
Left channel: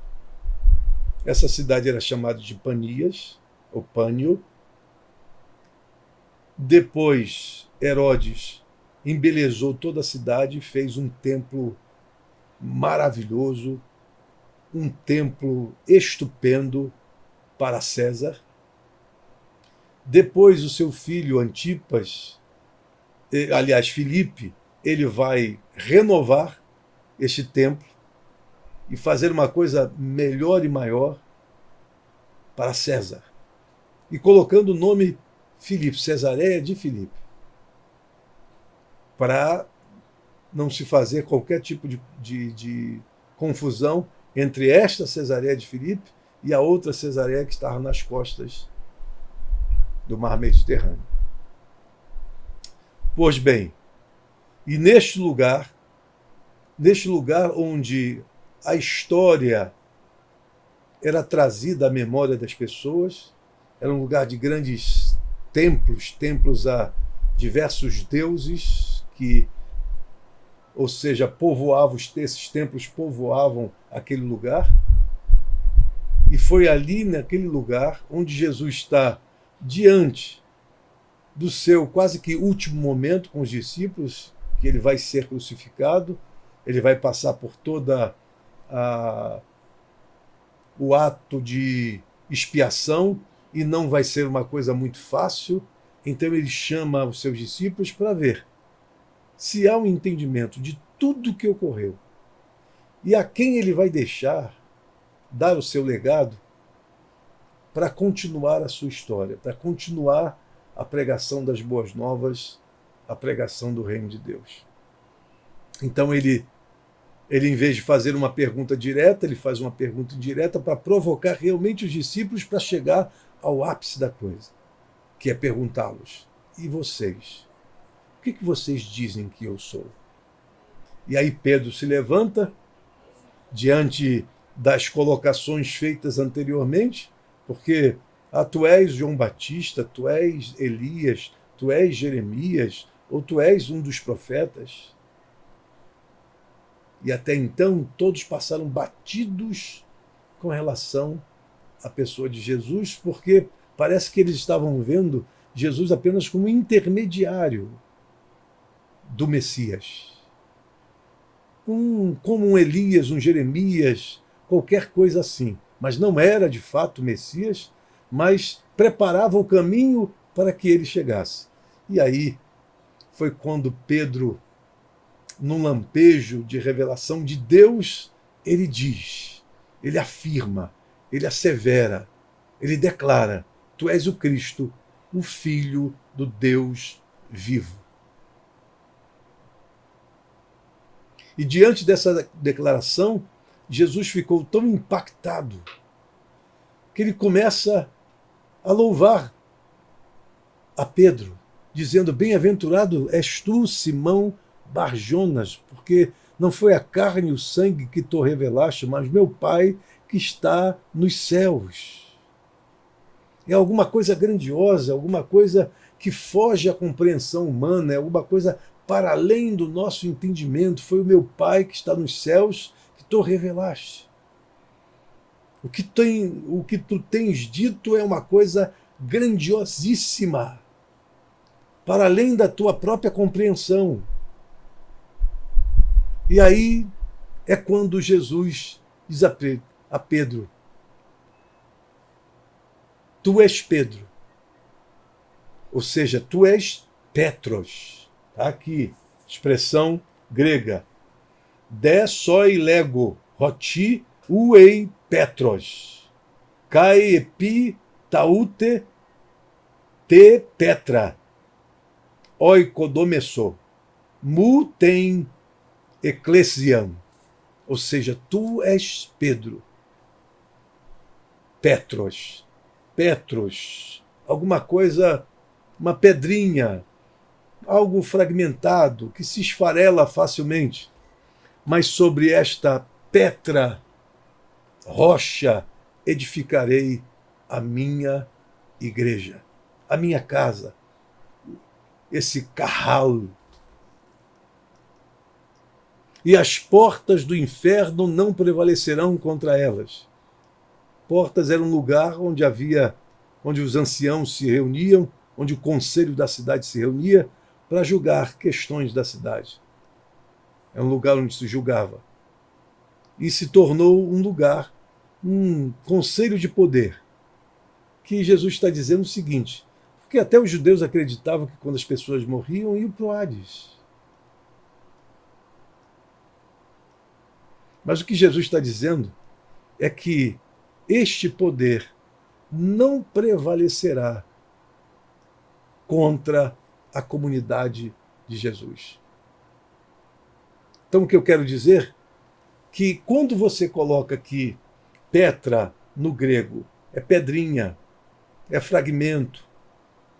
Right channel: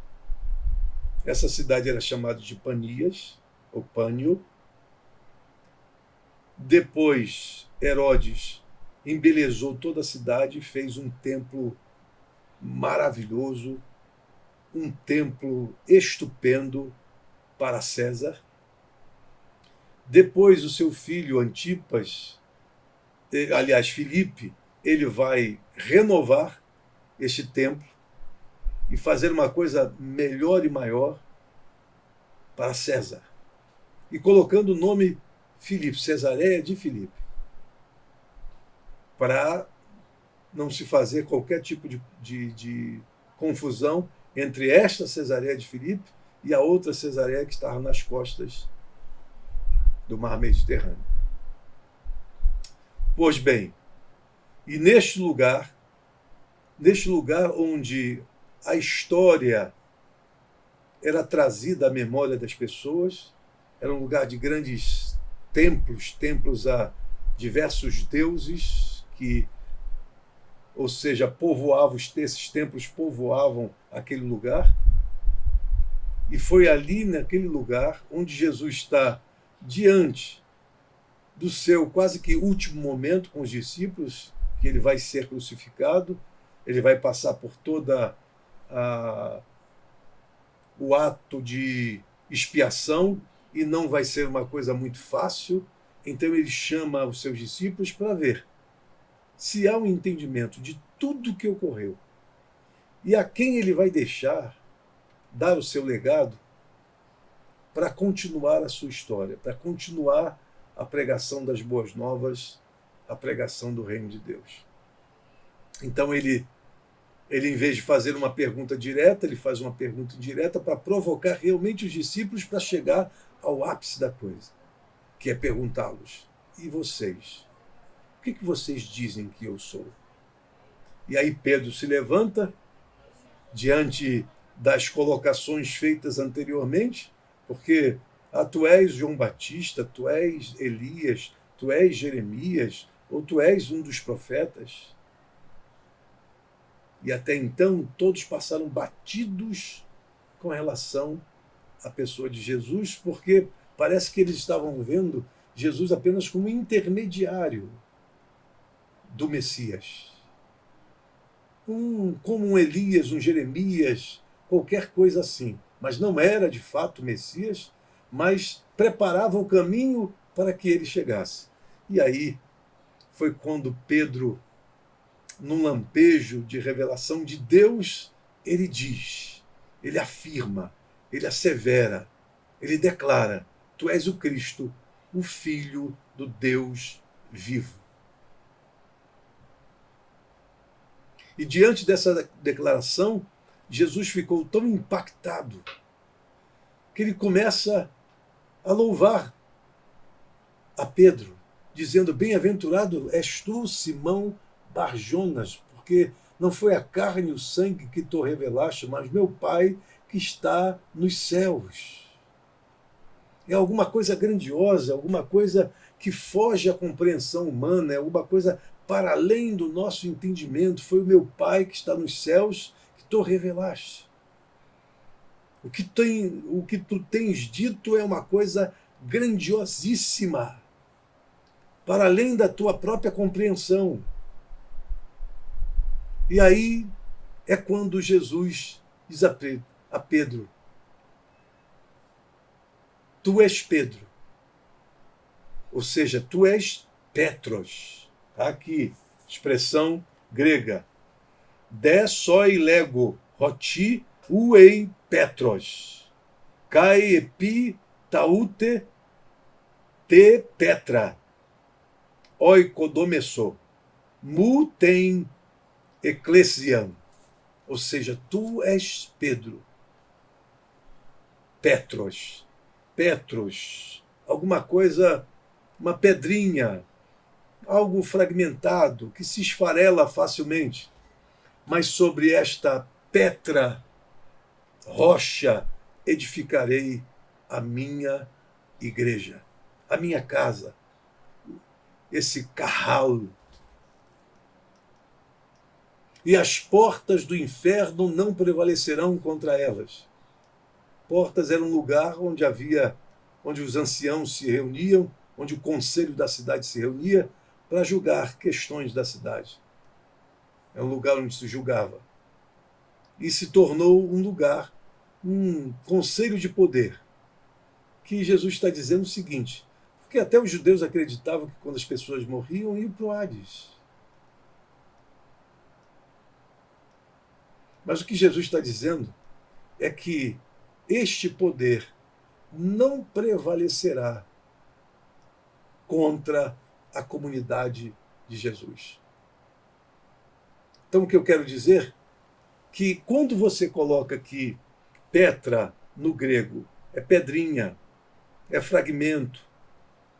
Essa cidade era chamada de Panias, ou Pânio. Depois, Herodes embelezou toda a cidade e fez um templo maravilhoso, um templo estupendo para César. Depois, o seu filho Antipas, aliás, Filipe, ele vai renovar este templo e fazer uma coisa melhor e maior para César. E colocando o nome Filipe, Cesareia de Filipe, para não se fazer qualquer tipo de confusão entre esta Cesareia de Filipe e a outra Cesareia que estava nas costas do Mar Mediterrâneo. Pois bem, e neste lugar onde a história era trazida à memória das pessoas, era um lugar de grandes templos a diversos deuses que, ou seja, esses templos povoavam aquele lugar. E foi ali, naquele lugar, onde Jesus está diante do seu quase que último momento com os discípulos, que ele vai ser crucificado, ele vai passar por toda o ato de expiação, e não vai ser uma coisa muito fácil. Então ele chama os seus discípulos para ver se há um entendimento de tudo o que ocorreu e a quem ele vai deixar dar o seu legado para continuar a sua história, para continuar a pregação das boas novas, a pregação do reino de Deus. Então ele, em vez de fazer uma pergunta direta, ele faz uma pergunta indireta para provocar realmente os discípulos para chegar ao ápice da coisa, que é perguntá-los: e vocês? O que vocês dizem que eu sou? E aí Pedro se levanta diante das colocações feitas anteriormente, porque tu és João Batista, tu és Elias, tu és Jeremias, ou tu és um dos profetas. E até então todos passaram batidos com relação à pessoa de Jesus, porque parece que eles estavam vendo Jesus apenas como intermediário do Messias. Como um Elias, um Jeremias, qualquer coisa assim. Mas não era de fato o Messias, mas preparava o caminho para que ele chegasse. E aí foi quando Pedro, num lampejo de revelação de Deus, ele diz, ele afirma, ele assevera, ele declara: tu és o Cristo, o Filho do Deus vivo. E diante dessa declaração, Jesus ficou tão impactado que ele começa a louvar a Pedro, dizendo: bem-aventurado és tu, Simão Barjonas, porque não foi a carne e o sangue que te revelaste, mas meu Pai que está nos céus. É alguma coisa grandiosa, alguma coisa que foge à compreensão humana, é alguma coisa para além do nosso entendimento. Foi o meu Pai que está nos céus que tu revelaste. O que tu tens dito é uma coisa grandiosíssima, para além da tua própria compreensão. E aí é quando Jesus diz a Pedro: tu és Pedro, ou seja, tu és Petros. Tá aqui, expressão grega. De soi lego, roti uei Petros. Kai epi taute te Petra, oikodomesso, mu tem ecclesiam, ou seja, tu és Pedro. Petros, alguma coisa, uma pedrinha, algo fragmentado, que se esfarela facilmente. Mas sobre esta Petra, rocha, edificarei a minha igreja, a minha casa, esse carral. E as portas do inferno não prevalecerão contra elas. Portas era um lugar onde os anciãos se reuniam, onde o conselho da cidade se reunia para julgar questões da cidade. É um lugar onde se julgava. E se tornou um lugar, um conselho de poder, que Jesus está dizendo o seguinte, porque até os judeus acreditavam que quando as pessoas morriam, iam para o Hades. Mas o que Jesus está dizendo é que este poder não prevalecerá contra a comunidade de Jesus. Então, o que eu quero dizer é que quando você coloca aqui Petra no grego, é pedrinha, é fragmento,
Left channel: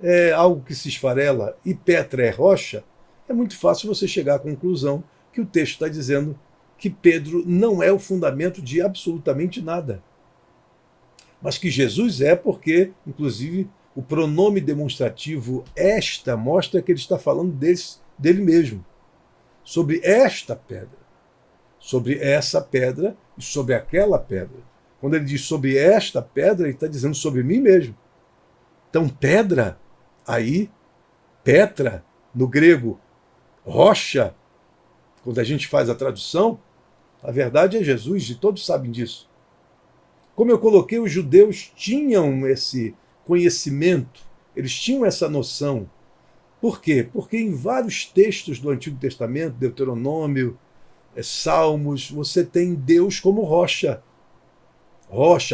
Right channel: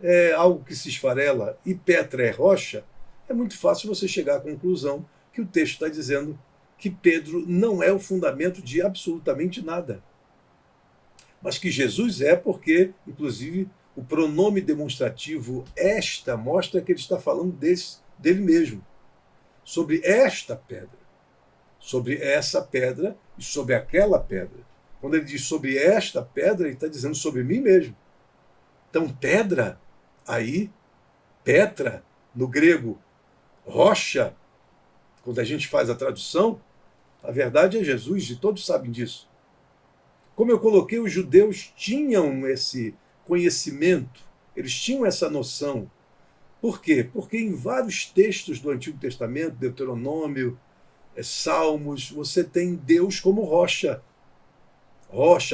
é algo que se esfarela, e Petra é rocha, é muito fácil você chegar à conclusão que o texto está dizendo que Pedro não é o fundamento de absolutamente nada. Mas que Jesus é, porque, inclusive, o pronome demonstrativo esta mostra que ele está falando dele mesmo. Sobre esta pedra. Sobre essa pedra e sobre aquela pedra. Quando ele diz sobre esta pedra, ele está dizendo sobre mim mesmo. Então, pedra, aí, Petra, no grego, rocha, quando a gente faz a tradução, a verdade é Jesus, e todos sabem disso. Como eu coloquei, os judeus tinham esse conhecimento, eles tinham essa noção. Por quê? Porque em vários textos do Antigo Testamento, Deuteronômio, Salmos, você tem Deus como rocha,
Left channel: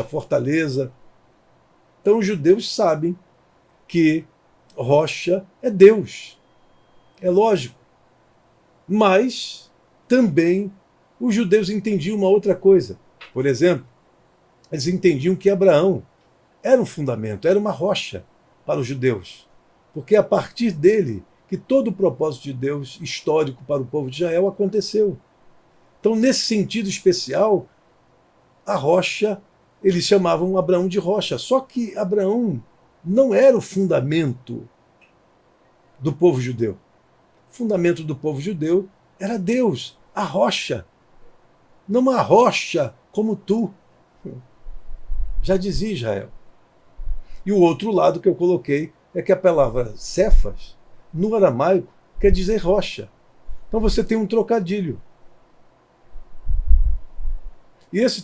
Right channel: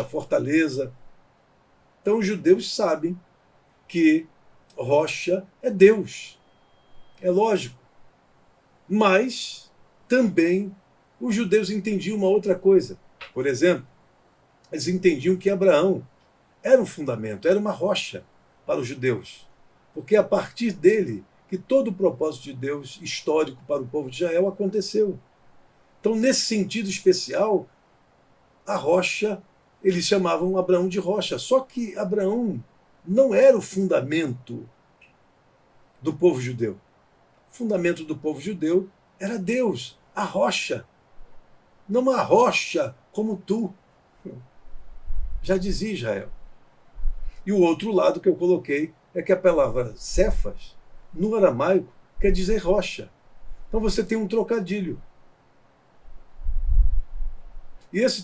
fortaleza. Então os judeus sabem que rocha é Deus. É lógico. Mas também os judeus entendiam uma outra coisa. Por exemplo, eles entendiam que Abraão era um fundamento, era uma rocha para os judeus. Porque é a partir dele que todo o propósito de Deus histórico para o povo de Israel aconteceu. Então, nesse sentido especial, a rocha, eles chamavam Abraão de rocha. Só que Abraão não era o fundamento do povo judeu. O fundamento do povo judeu era Deus, a rocha. Não uma rocha como tu. Já dizia Israel. E o outro lado que eu coloquei é que a palavra Cefas, no aramaico, quer dizer rocha. Então você tem um trocadilho. E esse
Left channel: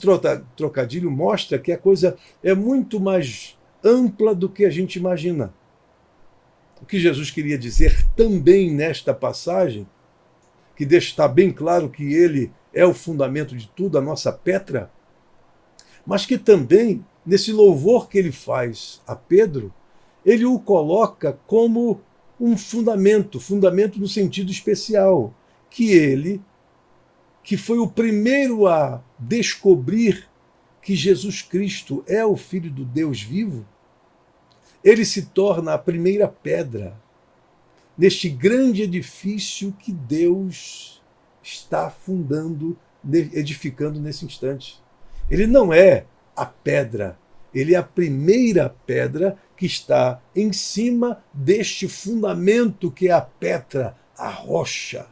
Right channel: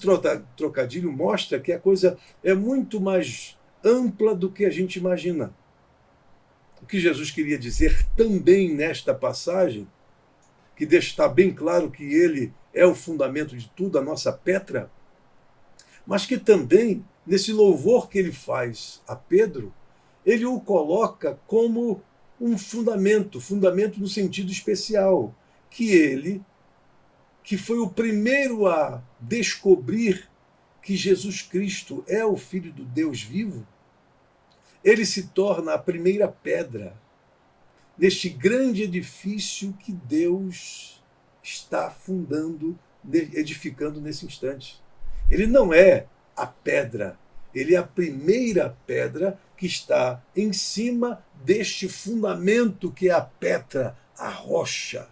trocadilho mostra que a coisa é muito mais ampla do que a gente imagina. O que Jesus queria dizer também nesta passagem, que deixa estar bem claro que ele é o fundamento de tudo, a nossa Petra, mas que também, nesse louvor que ele faz a Pedro, ele o coloca como um fundamento no sentido especial, que ele, que foi o primeiro a descobrir que Jesus Cristo é o Filho do Deus vivo, ele se torna a primeira pedra neste grande edifício que Deus está fundando, edificando nesse instante. Ele não é a pedra, ele é a primeira pedra que está em cima deste fundamento que é a Petra, a rocha.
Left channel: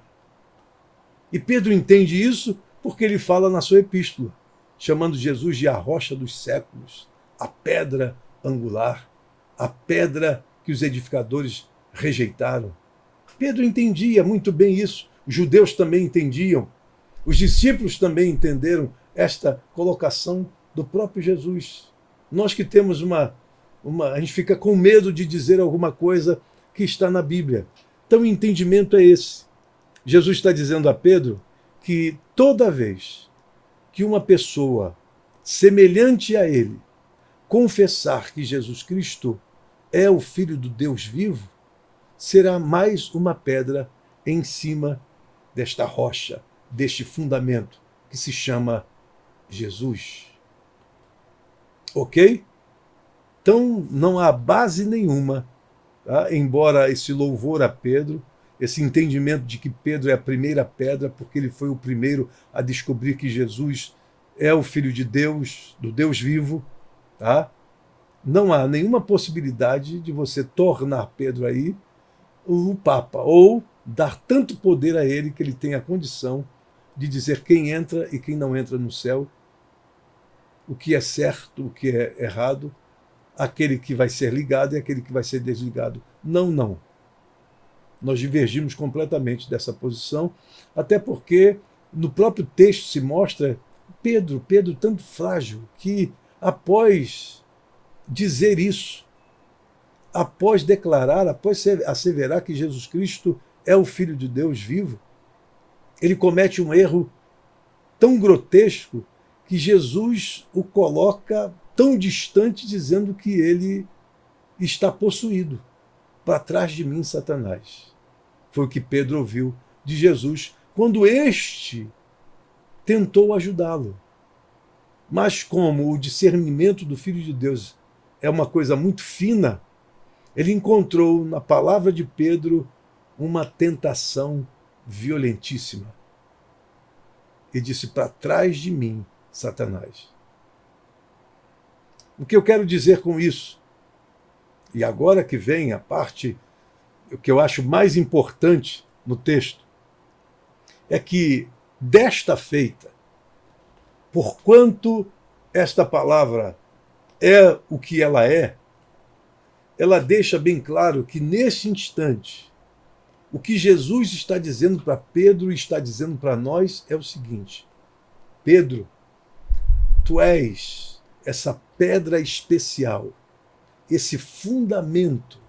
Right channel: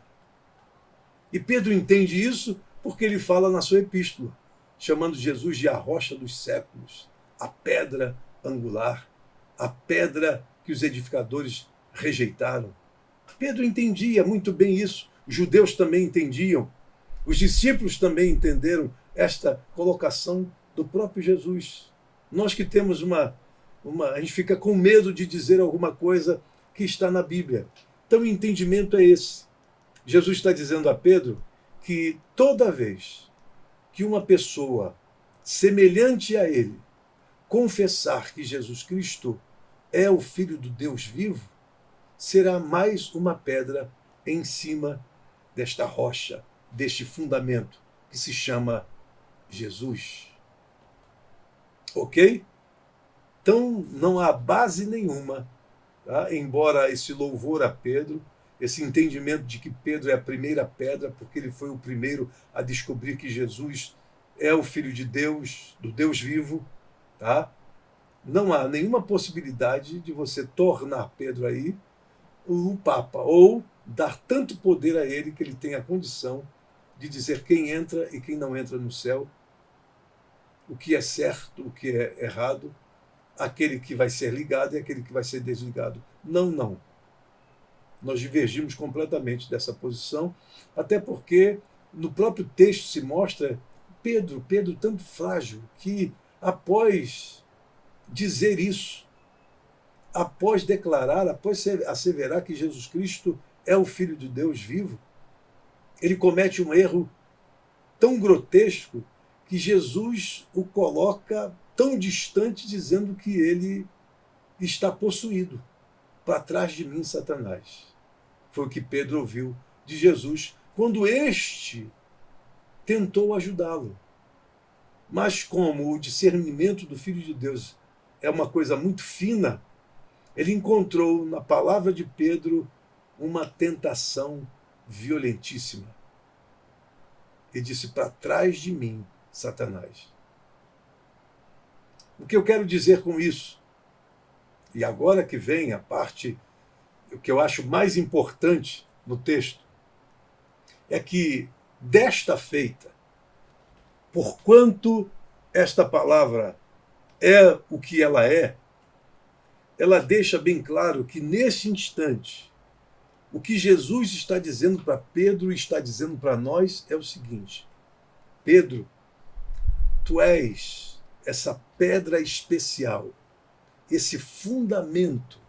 E Pedro entende isso porque ele fala na sua epístola, chamando Jesus de a rocha dos séculos, a pedra angular, a pedra que os edificadores rejeitaram. Pedro entendia muito bem isso, os judeus também entendiam, os discípulos também entenderam esta colocação do próprio Jesus. Nós que temos a gente fica com medo de dizer alguma coisa que está na Bíblia. Então o entendimento é esse. Jesus está dizendo a Pedro que toda vez que uma pessoa semelhante a ele confessar que Jesus Cristo é o Filho do Deus vivo, será mais uma pedra em cima desta rocha, deste fundamento que se chama Jesus. Ok? Então, não há base nenhuma, tá? Embora esse louvor a Pedro, esse entendimento de que Pedro é a primeira pedra, porque ele foi o primeiro a descobrir que Jesus é o Filho de Deus, do Deus vivo, tá? Não há nenhuma possibilidade de você tornar Pedro aí o Papa, ou dar tanto poder a ele que ele tenha a condição de dizer quem entra e quem não entra no céu, o que é certo, o que é errado, aquele que vai ser ligado e aquele que vai ser desligado. Não, não. Nós divergimos completamente dessa posição, até porque no próprio texto se mostra Pedro tanto frágil, que após dizer isso, após declarar, após asseverar que Jesus Cristo é o Filho de Deus vivo, ele comete um erro tão grotesco que Jesus o coloca tão distante, dizendo que ele está possuído. Para trás de mim, Satanás. Foi o que Pedro ouviu de Jesus quando este tentou ajudá-lo. Mas como o discernimento do Filho de Deus é uma coisa muito fina, ele encontrou na palavra de Pedro uma tentação violentíssima. E disse: para trás de mim, Satanás. O que eu quero dizer com isso? E agora que vem a parte que eu acho mais importante no texto, é que desta feita, porquanto esta palavra é o que ela deixa bem claro que nesse instante, o que Jesus está dizendo para Pedro e está dizendo para nós é o seguinte: Pedro, tu és essa pedra especial, esse fundamento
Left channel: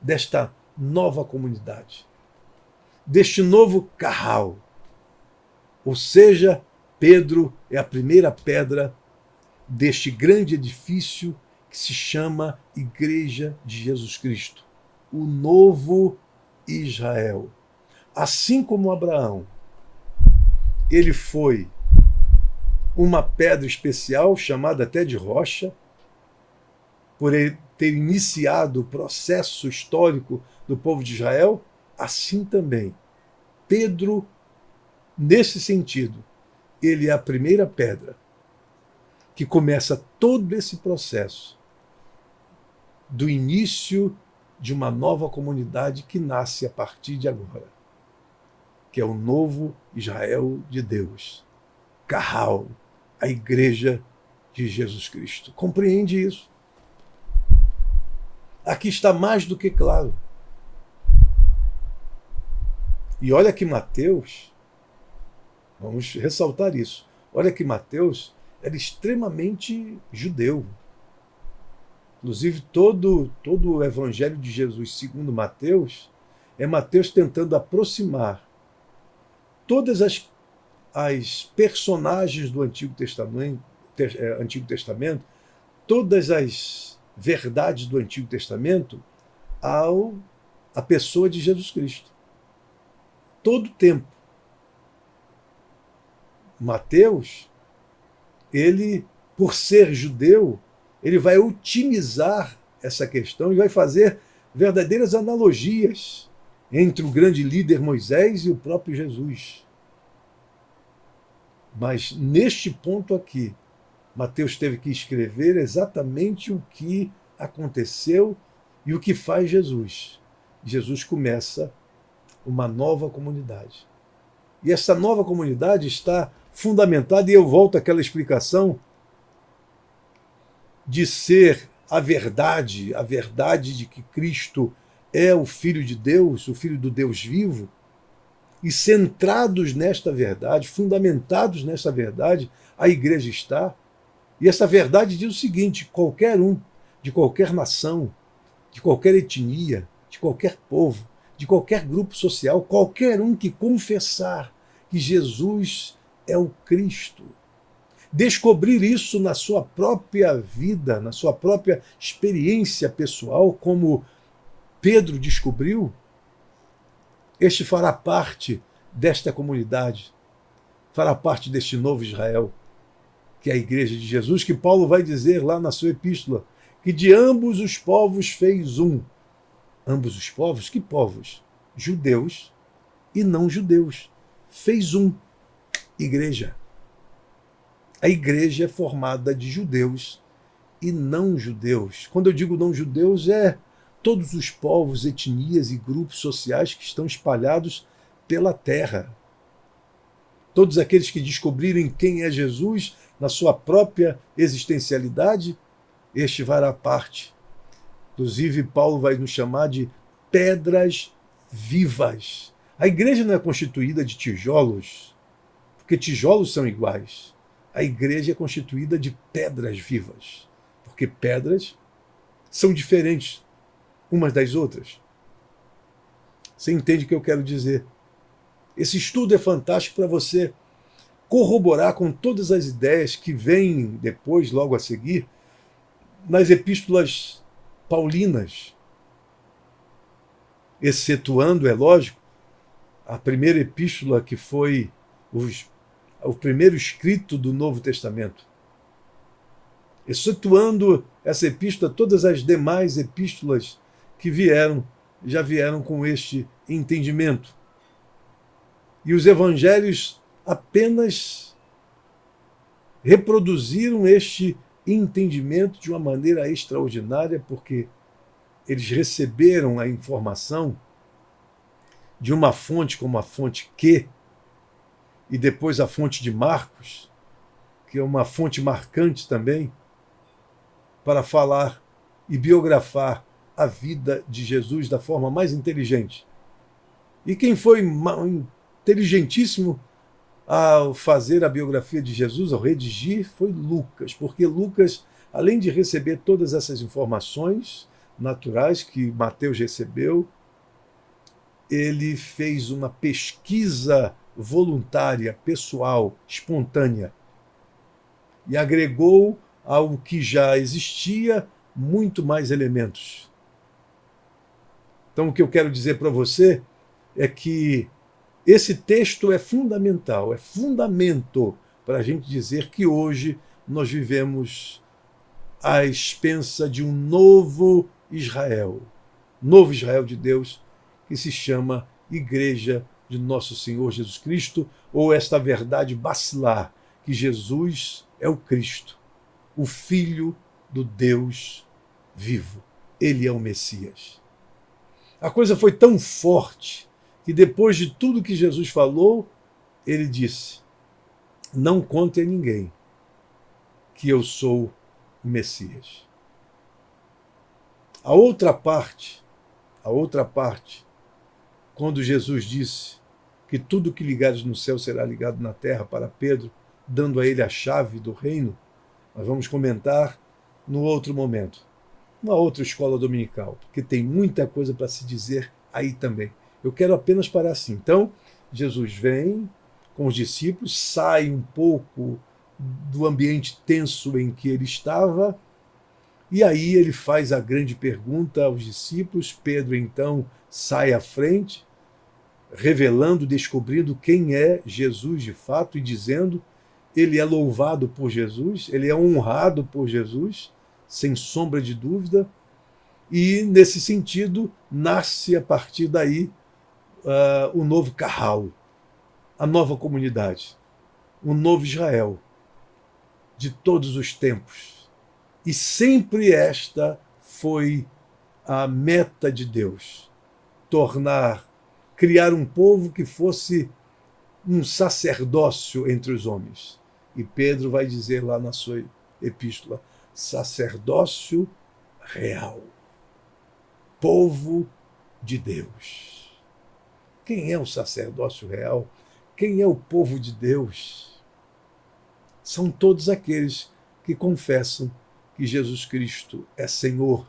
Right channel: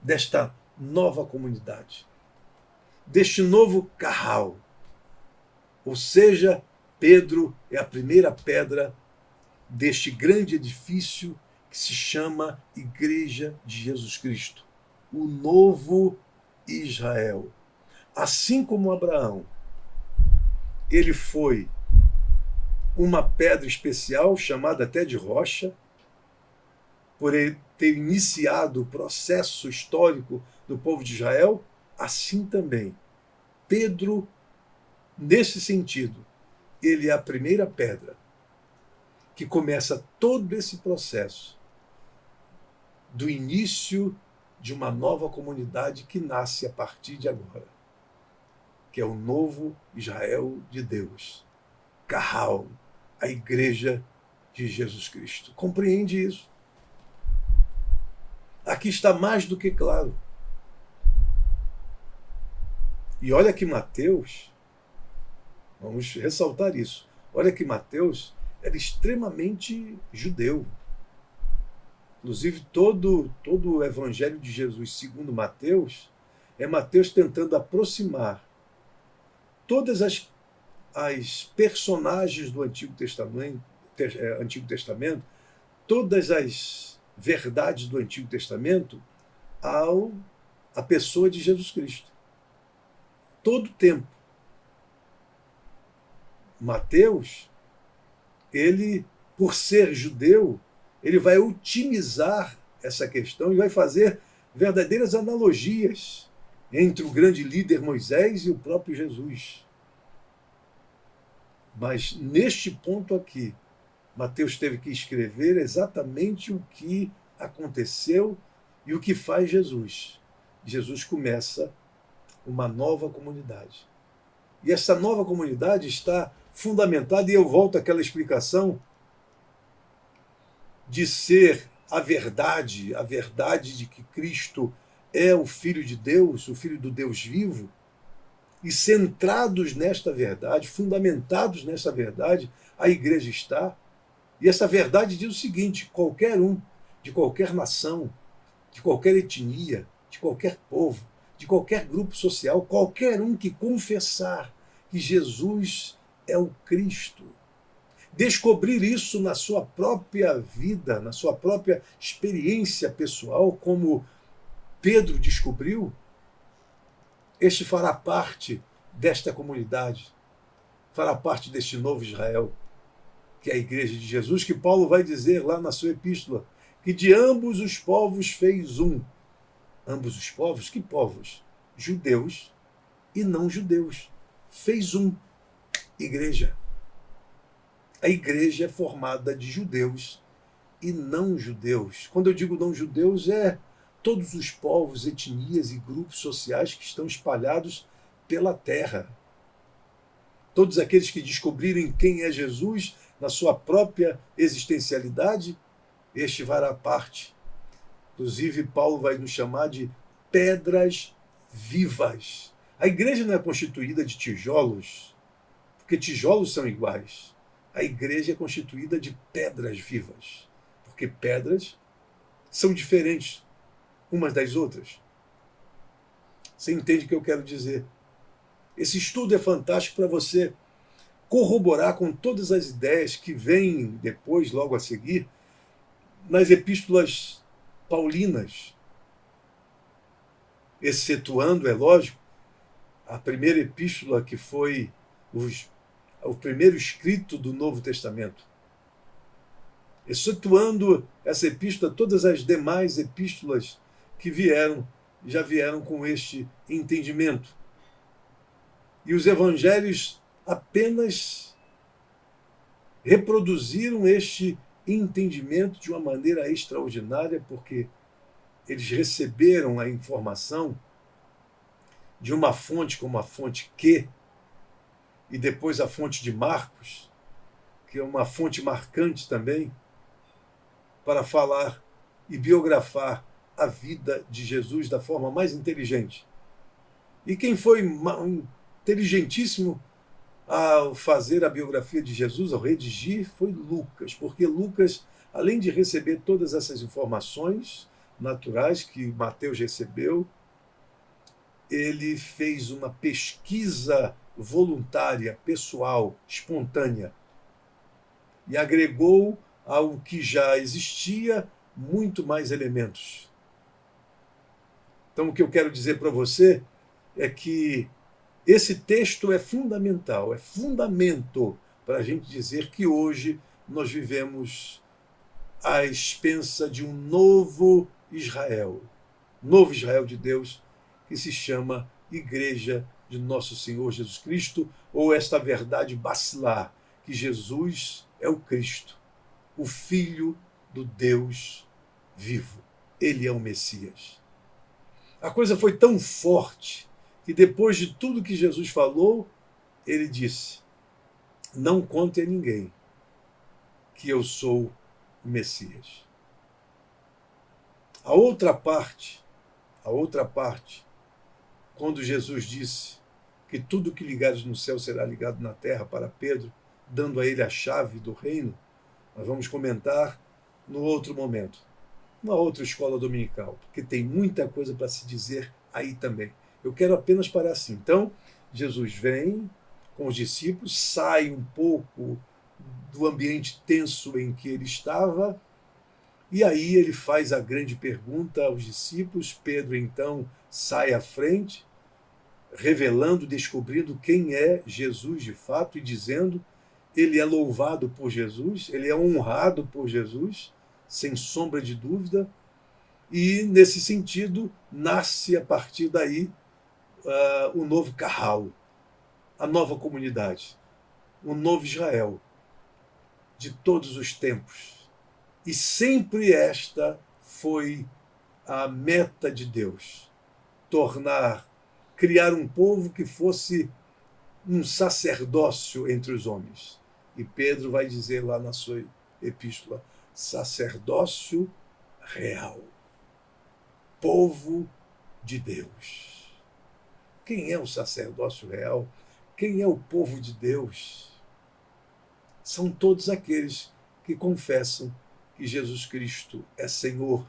desta nova comunidade, deste novo carral. Ou seja, Pedro é a primeira pedra deste grande edifício que se chama Igreja de Jesus Cristo, o novo Israel. Assim como Abraão, ele foi uma pedra especial, chamada até de rocha, por ele ter iniciado o processo histórico do povo de Israel, assim também Pedro, nesse sentido, ele é a primeira pedra que começa todo esse processo do início de uma nova comunidade que nasce a partir de agora, que é o novo Israel de Deus, Carral, a Igreja de Jesus Cristo. Compreende isso? Aqui está mais do que claro. E olha que Mateus, vamos ressaltar isso, olha que Mateus era extremamente judeu. Inclusive, todo o Evangelho de Jesus, segundo Mateus, é Mateus tentando aproximar todas as personagens do Antigo Testamento, todas as verdades do Antigo Testamento, à pessoa de Jesus Cristo. Todo o tempo. Mateus, ele, por ser judeu, ele vai otimizar essa questão e vai fazer verdadeiras analogias entre o grande líder Moisés e o próprio Jesus. Mas neste ponto aqui, Mateus teve que escrever exatamente o que aconteceu e o que faz Jesus. Jesus começa uma nova comunidade. E essa nova comunidade está fundamentada, e eu volto àquela explicação de ser a verdade de que Cristo é o Filho de Deus, o Filho do Deus vivo, e centrados nesta verdade, fundamentados nessa verdade, a igreja está. E essa verdade diz o seguinte: qualquer um, de qualquer nação, de qualquer etnia, de qualquer povo, de qualquer grupo social, qualquer um que confessar que Jesus é o Cristo, descobrir isso na sua própria vida, na sua própria experiência pessoal, como Pedro descobriu, este fará parte desta comunidade, fará parte deste novo Israel, que é a Igreja de Jesus, que Paulo vai dizer lá na sua epístola, que de ambos os povos fez um. Ambos os povos? Que povos? Judeus e não judeus. Fez um. Igreja. A igreja é formada de judeus e não judeus. Quando eu digo não judeus, é todos os povos, etnias e grupos sociais que estão espalhados pela terra. Todos aqueles que descobrirem quem é Jesus na sua própria existencialidade, este fará parte. Inclusive, Paulo vai nos chamar de pedras vivas. A igreja não é constituída de tijolos, porque tijolos são iguais. A igreja é constituída de pedras vivas, porque pedras são diferentes umas das outras. Você entende o que eu quero dizer? Esse estudo é fantástico para você corroborar com todas as ideias que vêm depois, logo a seguir, nas epístolas paulinas, excetuando, é lógico, a primeira epístola que foi o primeiro escrito do Novo Testamento. Excetuando essa epístola, todas as demais epístolas que já vieram com este entendimento. E os evangelhos apenas reproduziram este entendimento de uma maneira extraordinária, porque eles receberam a informação de uma fonte como a fonte Q, e depois a fonte de Marcos, que é uma fonte marcante também, para falar e biografar a vida de Jesus da forma mais inteligente. E quem foi inteligentíssimo ao fazer a biografia de Jesus, ao redigir, foi Lucas, porque Lucas, além de receber todas essas informações naturais que Mateus recebeu, ele fez uma pesquisa voluntária, pessoal, espontânea, e agregou ao que já existia muito mais elementos. Então, o que eu quero dizer para você é que esse texto é fundamental, é fundamento para a gente dizer que hoje nós vivemos à expensa de um novo Israel de Deus, que se chama Igreja de Nosso Senhor Jesus Cristo, ou esta verdade bacilar, que Jesus é o Cristo, o Filho do Deus vivo. Ele é o Messias. A coisa foi tão forte que depois de tudo que Jesus falou, ele disse: não conte a ninguém que eu sou o Messias. A outra parte, quando Jesus disse que tudo que ligares no céu será ligado na terra para Pedro, dando a ele a chave do reino, nós vamos comentar no outro momento, numa outra escola dominical, porque tem muita coisa para se dizer aí também. Eu quero apenas parar assim. Então, Jesus vem com os discípulos, sai um pouco do ambiente tenso em que ele estava, e aí ele faz a grande pergunta aos discípulos. Pedro, então, sai à frente, revelando, descobrindo quem é Jesus de fato e dizendo: ele é louvado por Jesus, ele é honrado por Jesus, sem sombra de dúvida, e, nesse sentido, nasce a partir daí o novo Carral, a nova comunidade, o novo Israel de todos os tempos. E sempre esta foi a meta de Deus: criar um povo que fosse um sacerdócio entre os homens. E Pedro vai dizer lá na sua epístola: sacerdócio real, povo de Deus. Quem é o sacerdócio real? Quem é o povo de Deus? São todos aqueles que confessam que Jesus Cristo é Senhor,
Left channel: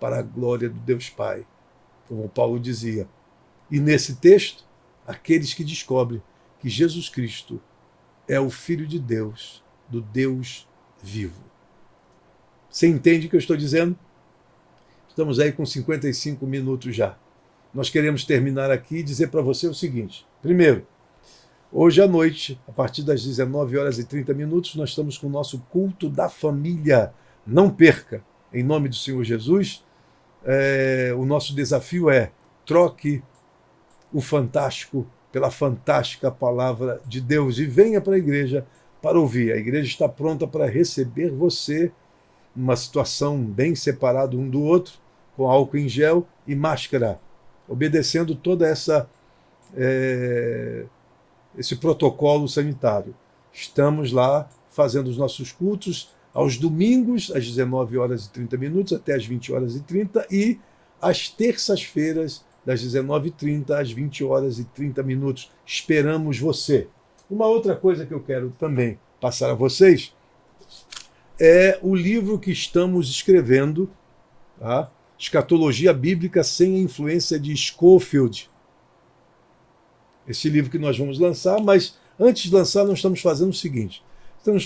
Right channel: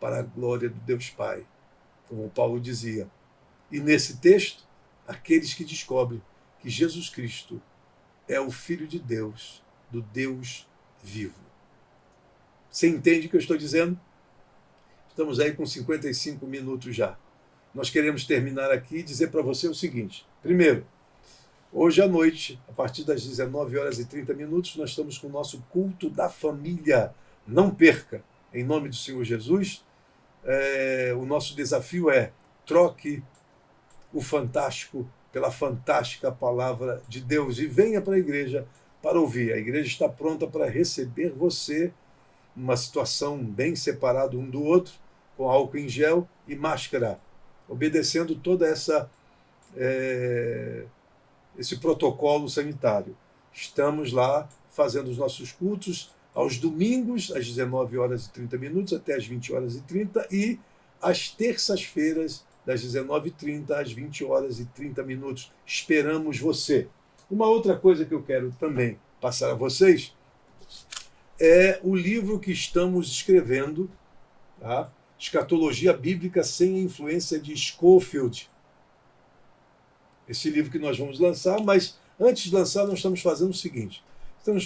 para a glória do Deus Pai, como Paulo dizia. E nesse texto, aqueles que descobrem que Jesus Cristo é o Filho de Deus, do Deus vivo. Você entende o que eu estou dizendo? Estamos aí com 55 minutos já. Nós queremos terminar aqui e dizer para você o seguinte. Primeiro, hoje à noite, a partir das 19h30, nós estamos com o nosso culto da família. Não perca, em nome do Senhor Jesus. O nosso desafio é: troque o fantástico pela fantástica palavra de Deus e venha para a igreja para ouvir. A igreja está pronta para receber você numa situação bem separada um do outro, com álcool em gel e máscara, obedecendo toda esse protocolo sanitário. Estamos lá fazendo os nossos cultos aos domingos, às 19h30 até às 20h30 e às terças-feiras, das 19h30 às 20h30. Esperamos você. Uma outra coisa que eu quero também passar a vocês é o livro que estamos escrevendo, tá? Escatologia Bíblica sem a influência de Scofield. Esse livro que nós vamos lançar, mas antes de lançar nós estamos fazendo o seguinte.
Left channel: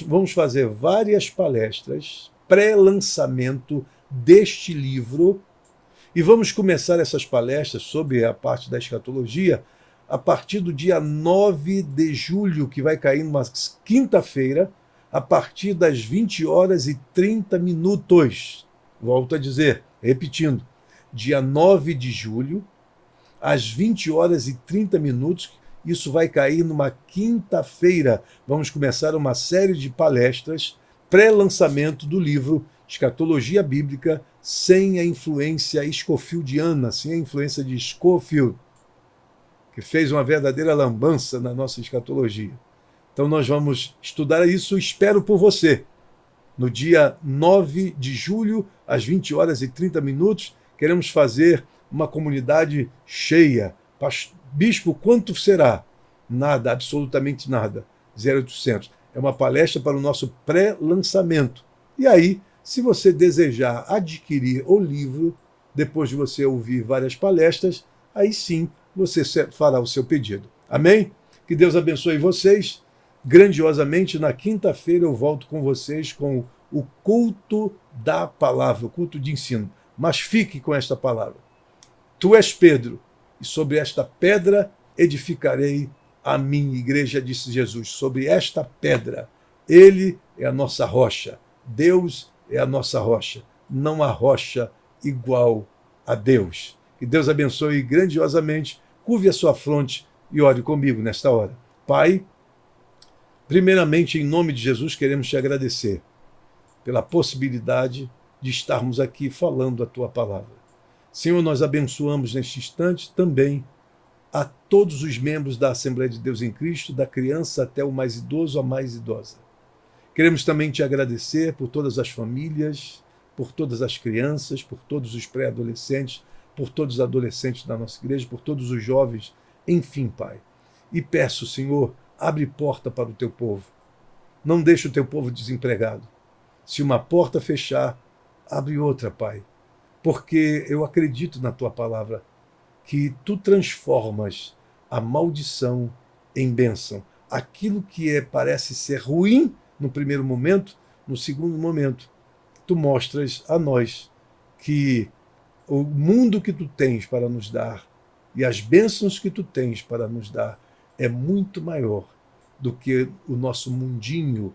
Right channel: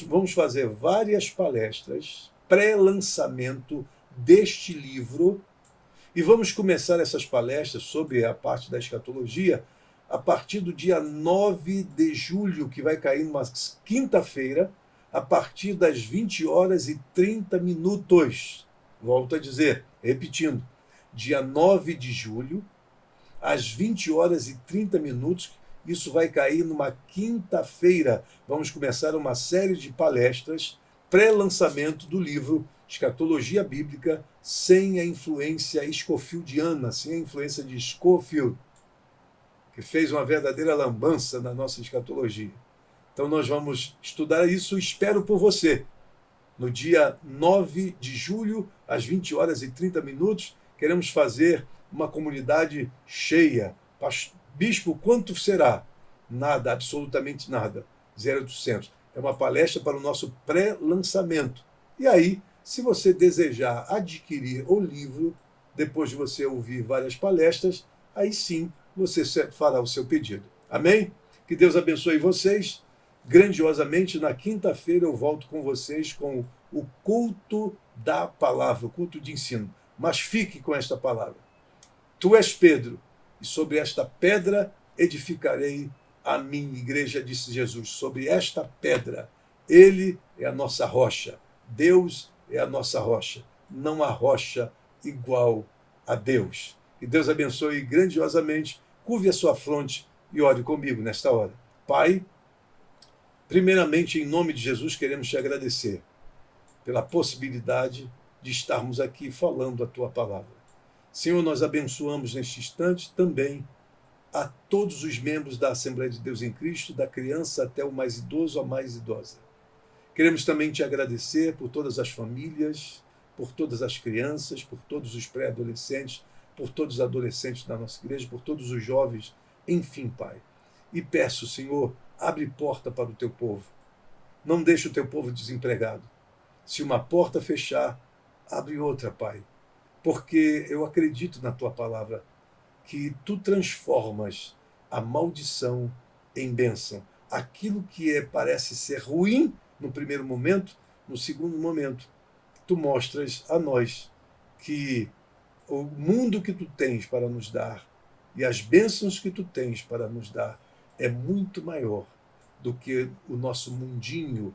Vamos fazer várias palestras, pré-lançamento deste livro, e vamos começar essas palestras sobre a parte da escatologia a partir do dia 9 de julho, que vai cair numa quinta-feira, a partir das 20h30. Volto a dizer, repetindo, dia 9 de julho, às 20h30, isso vai cair numa quinta-feira. Vamos começar uma série de palestras, pré-lançamento do livro Escatologia Bíblica sem a influência scofieldiana, sem a influência de Scofield, que fez uma verdadeira lambança na nossa escatologia. Então nós vamos estudar isso, espero por você. No dia 9 de julho, às 20h30, queremos fazer uma comunidade cheia. Bispo, quanto será? Nada, absolutamente nada. 0800. É uma palestra para o nosso pré-lançamento. E aí, se você desejar adquirir o livro, depois de você ouvir várias palestras, aí sim você fará o seu pedido. Amém? Que Deus abençoe vocês grandiosamente. Na quinta-feira eu volto com vocês com o culto da palavra, o culto de ensino. Mas fique com esta palavra. Tu és Pedro, e sobre esta pedra edificarei a minha igreja, disse Jesus. Sobre esta pedra, ele é a nossa rocha. Deus é a nossa rocha. Não há rocha igual a Deus. Que Deus abençoe grandiosamente. Curve a sua fronte e ore comigo nesta hora. Pai, primeiramente, em nome de Jesus, queremos te agradecer pela possibilidade de estarmos aqui falando a tua palavra. Senhor, nós abençoamos neste instante também a todos os membros da Assembleia de Deus em Cristo, da criança até o mais idoso, a mais idosa. Queremos também te agradecer por todas as famílias, por todas as crianças, por todos os pré-adolescentes, por todos os adolescentes da nossa igreja, por todos os jovens, enfim, Pai. E peço, Senhor, abre porta para o teu povo. Não deixe o teu povo desempregado. Se uma porta fechar, abre outra, Pai. Porque eu acredito na tua palavra, que tu transformas a maldição em bênção. Aquilo que parece ser ruim no primeiro momento, no segundo momento, tu mostras a nós que o mundo que tu tens para nos dar e as bênçãos que tu tens para nos dar é muito maior do que o nosso mundinho,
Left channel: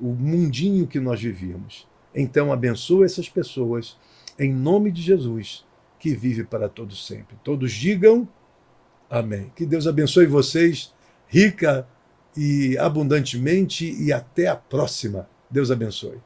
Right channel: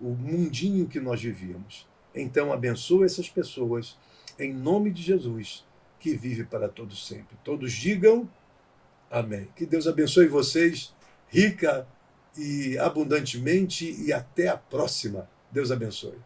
o mundinho que nós vivíamos. Então abençoa essas pessoas, em nome de Jesus, que vive para todos sempre. Todos digam amém. Que Deus abençoe vocês rica e abundantemente e até a próxima. Deus abençoe.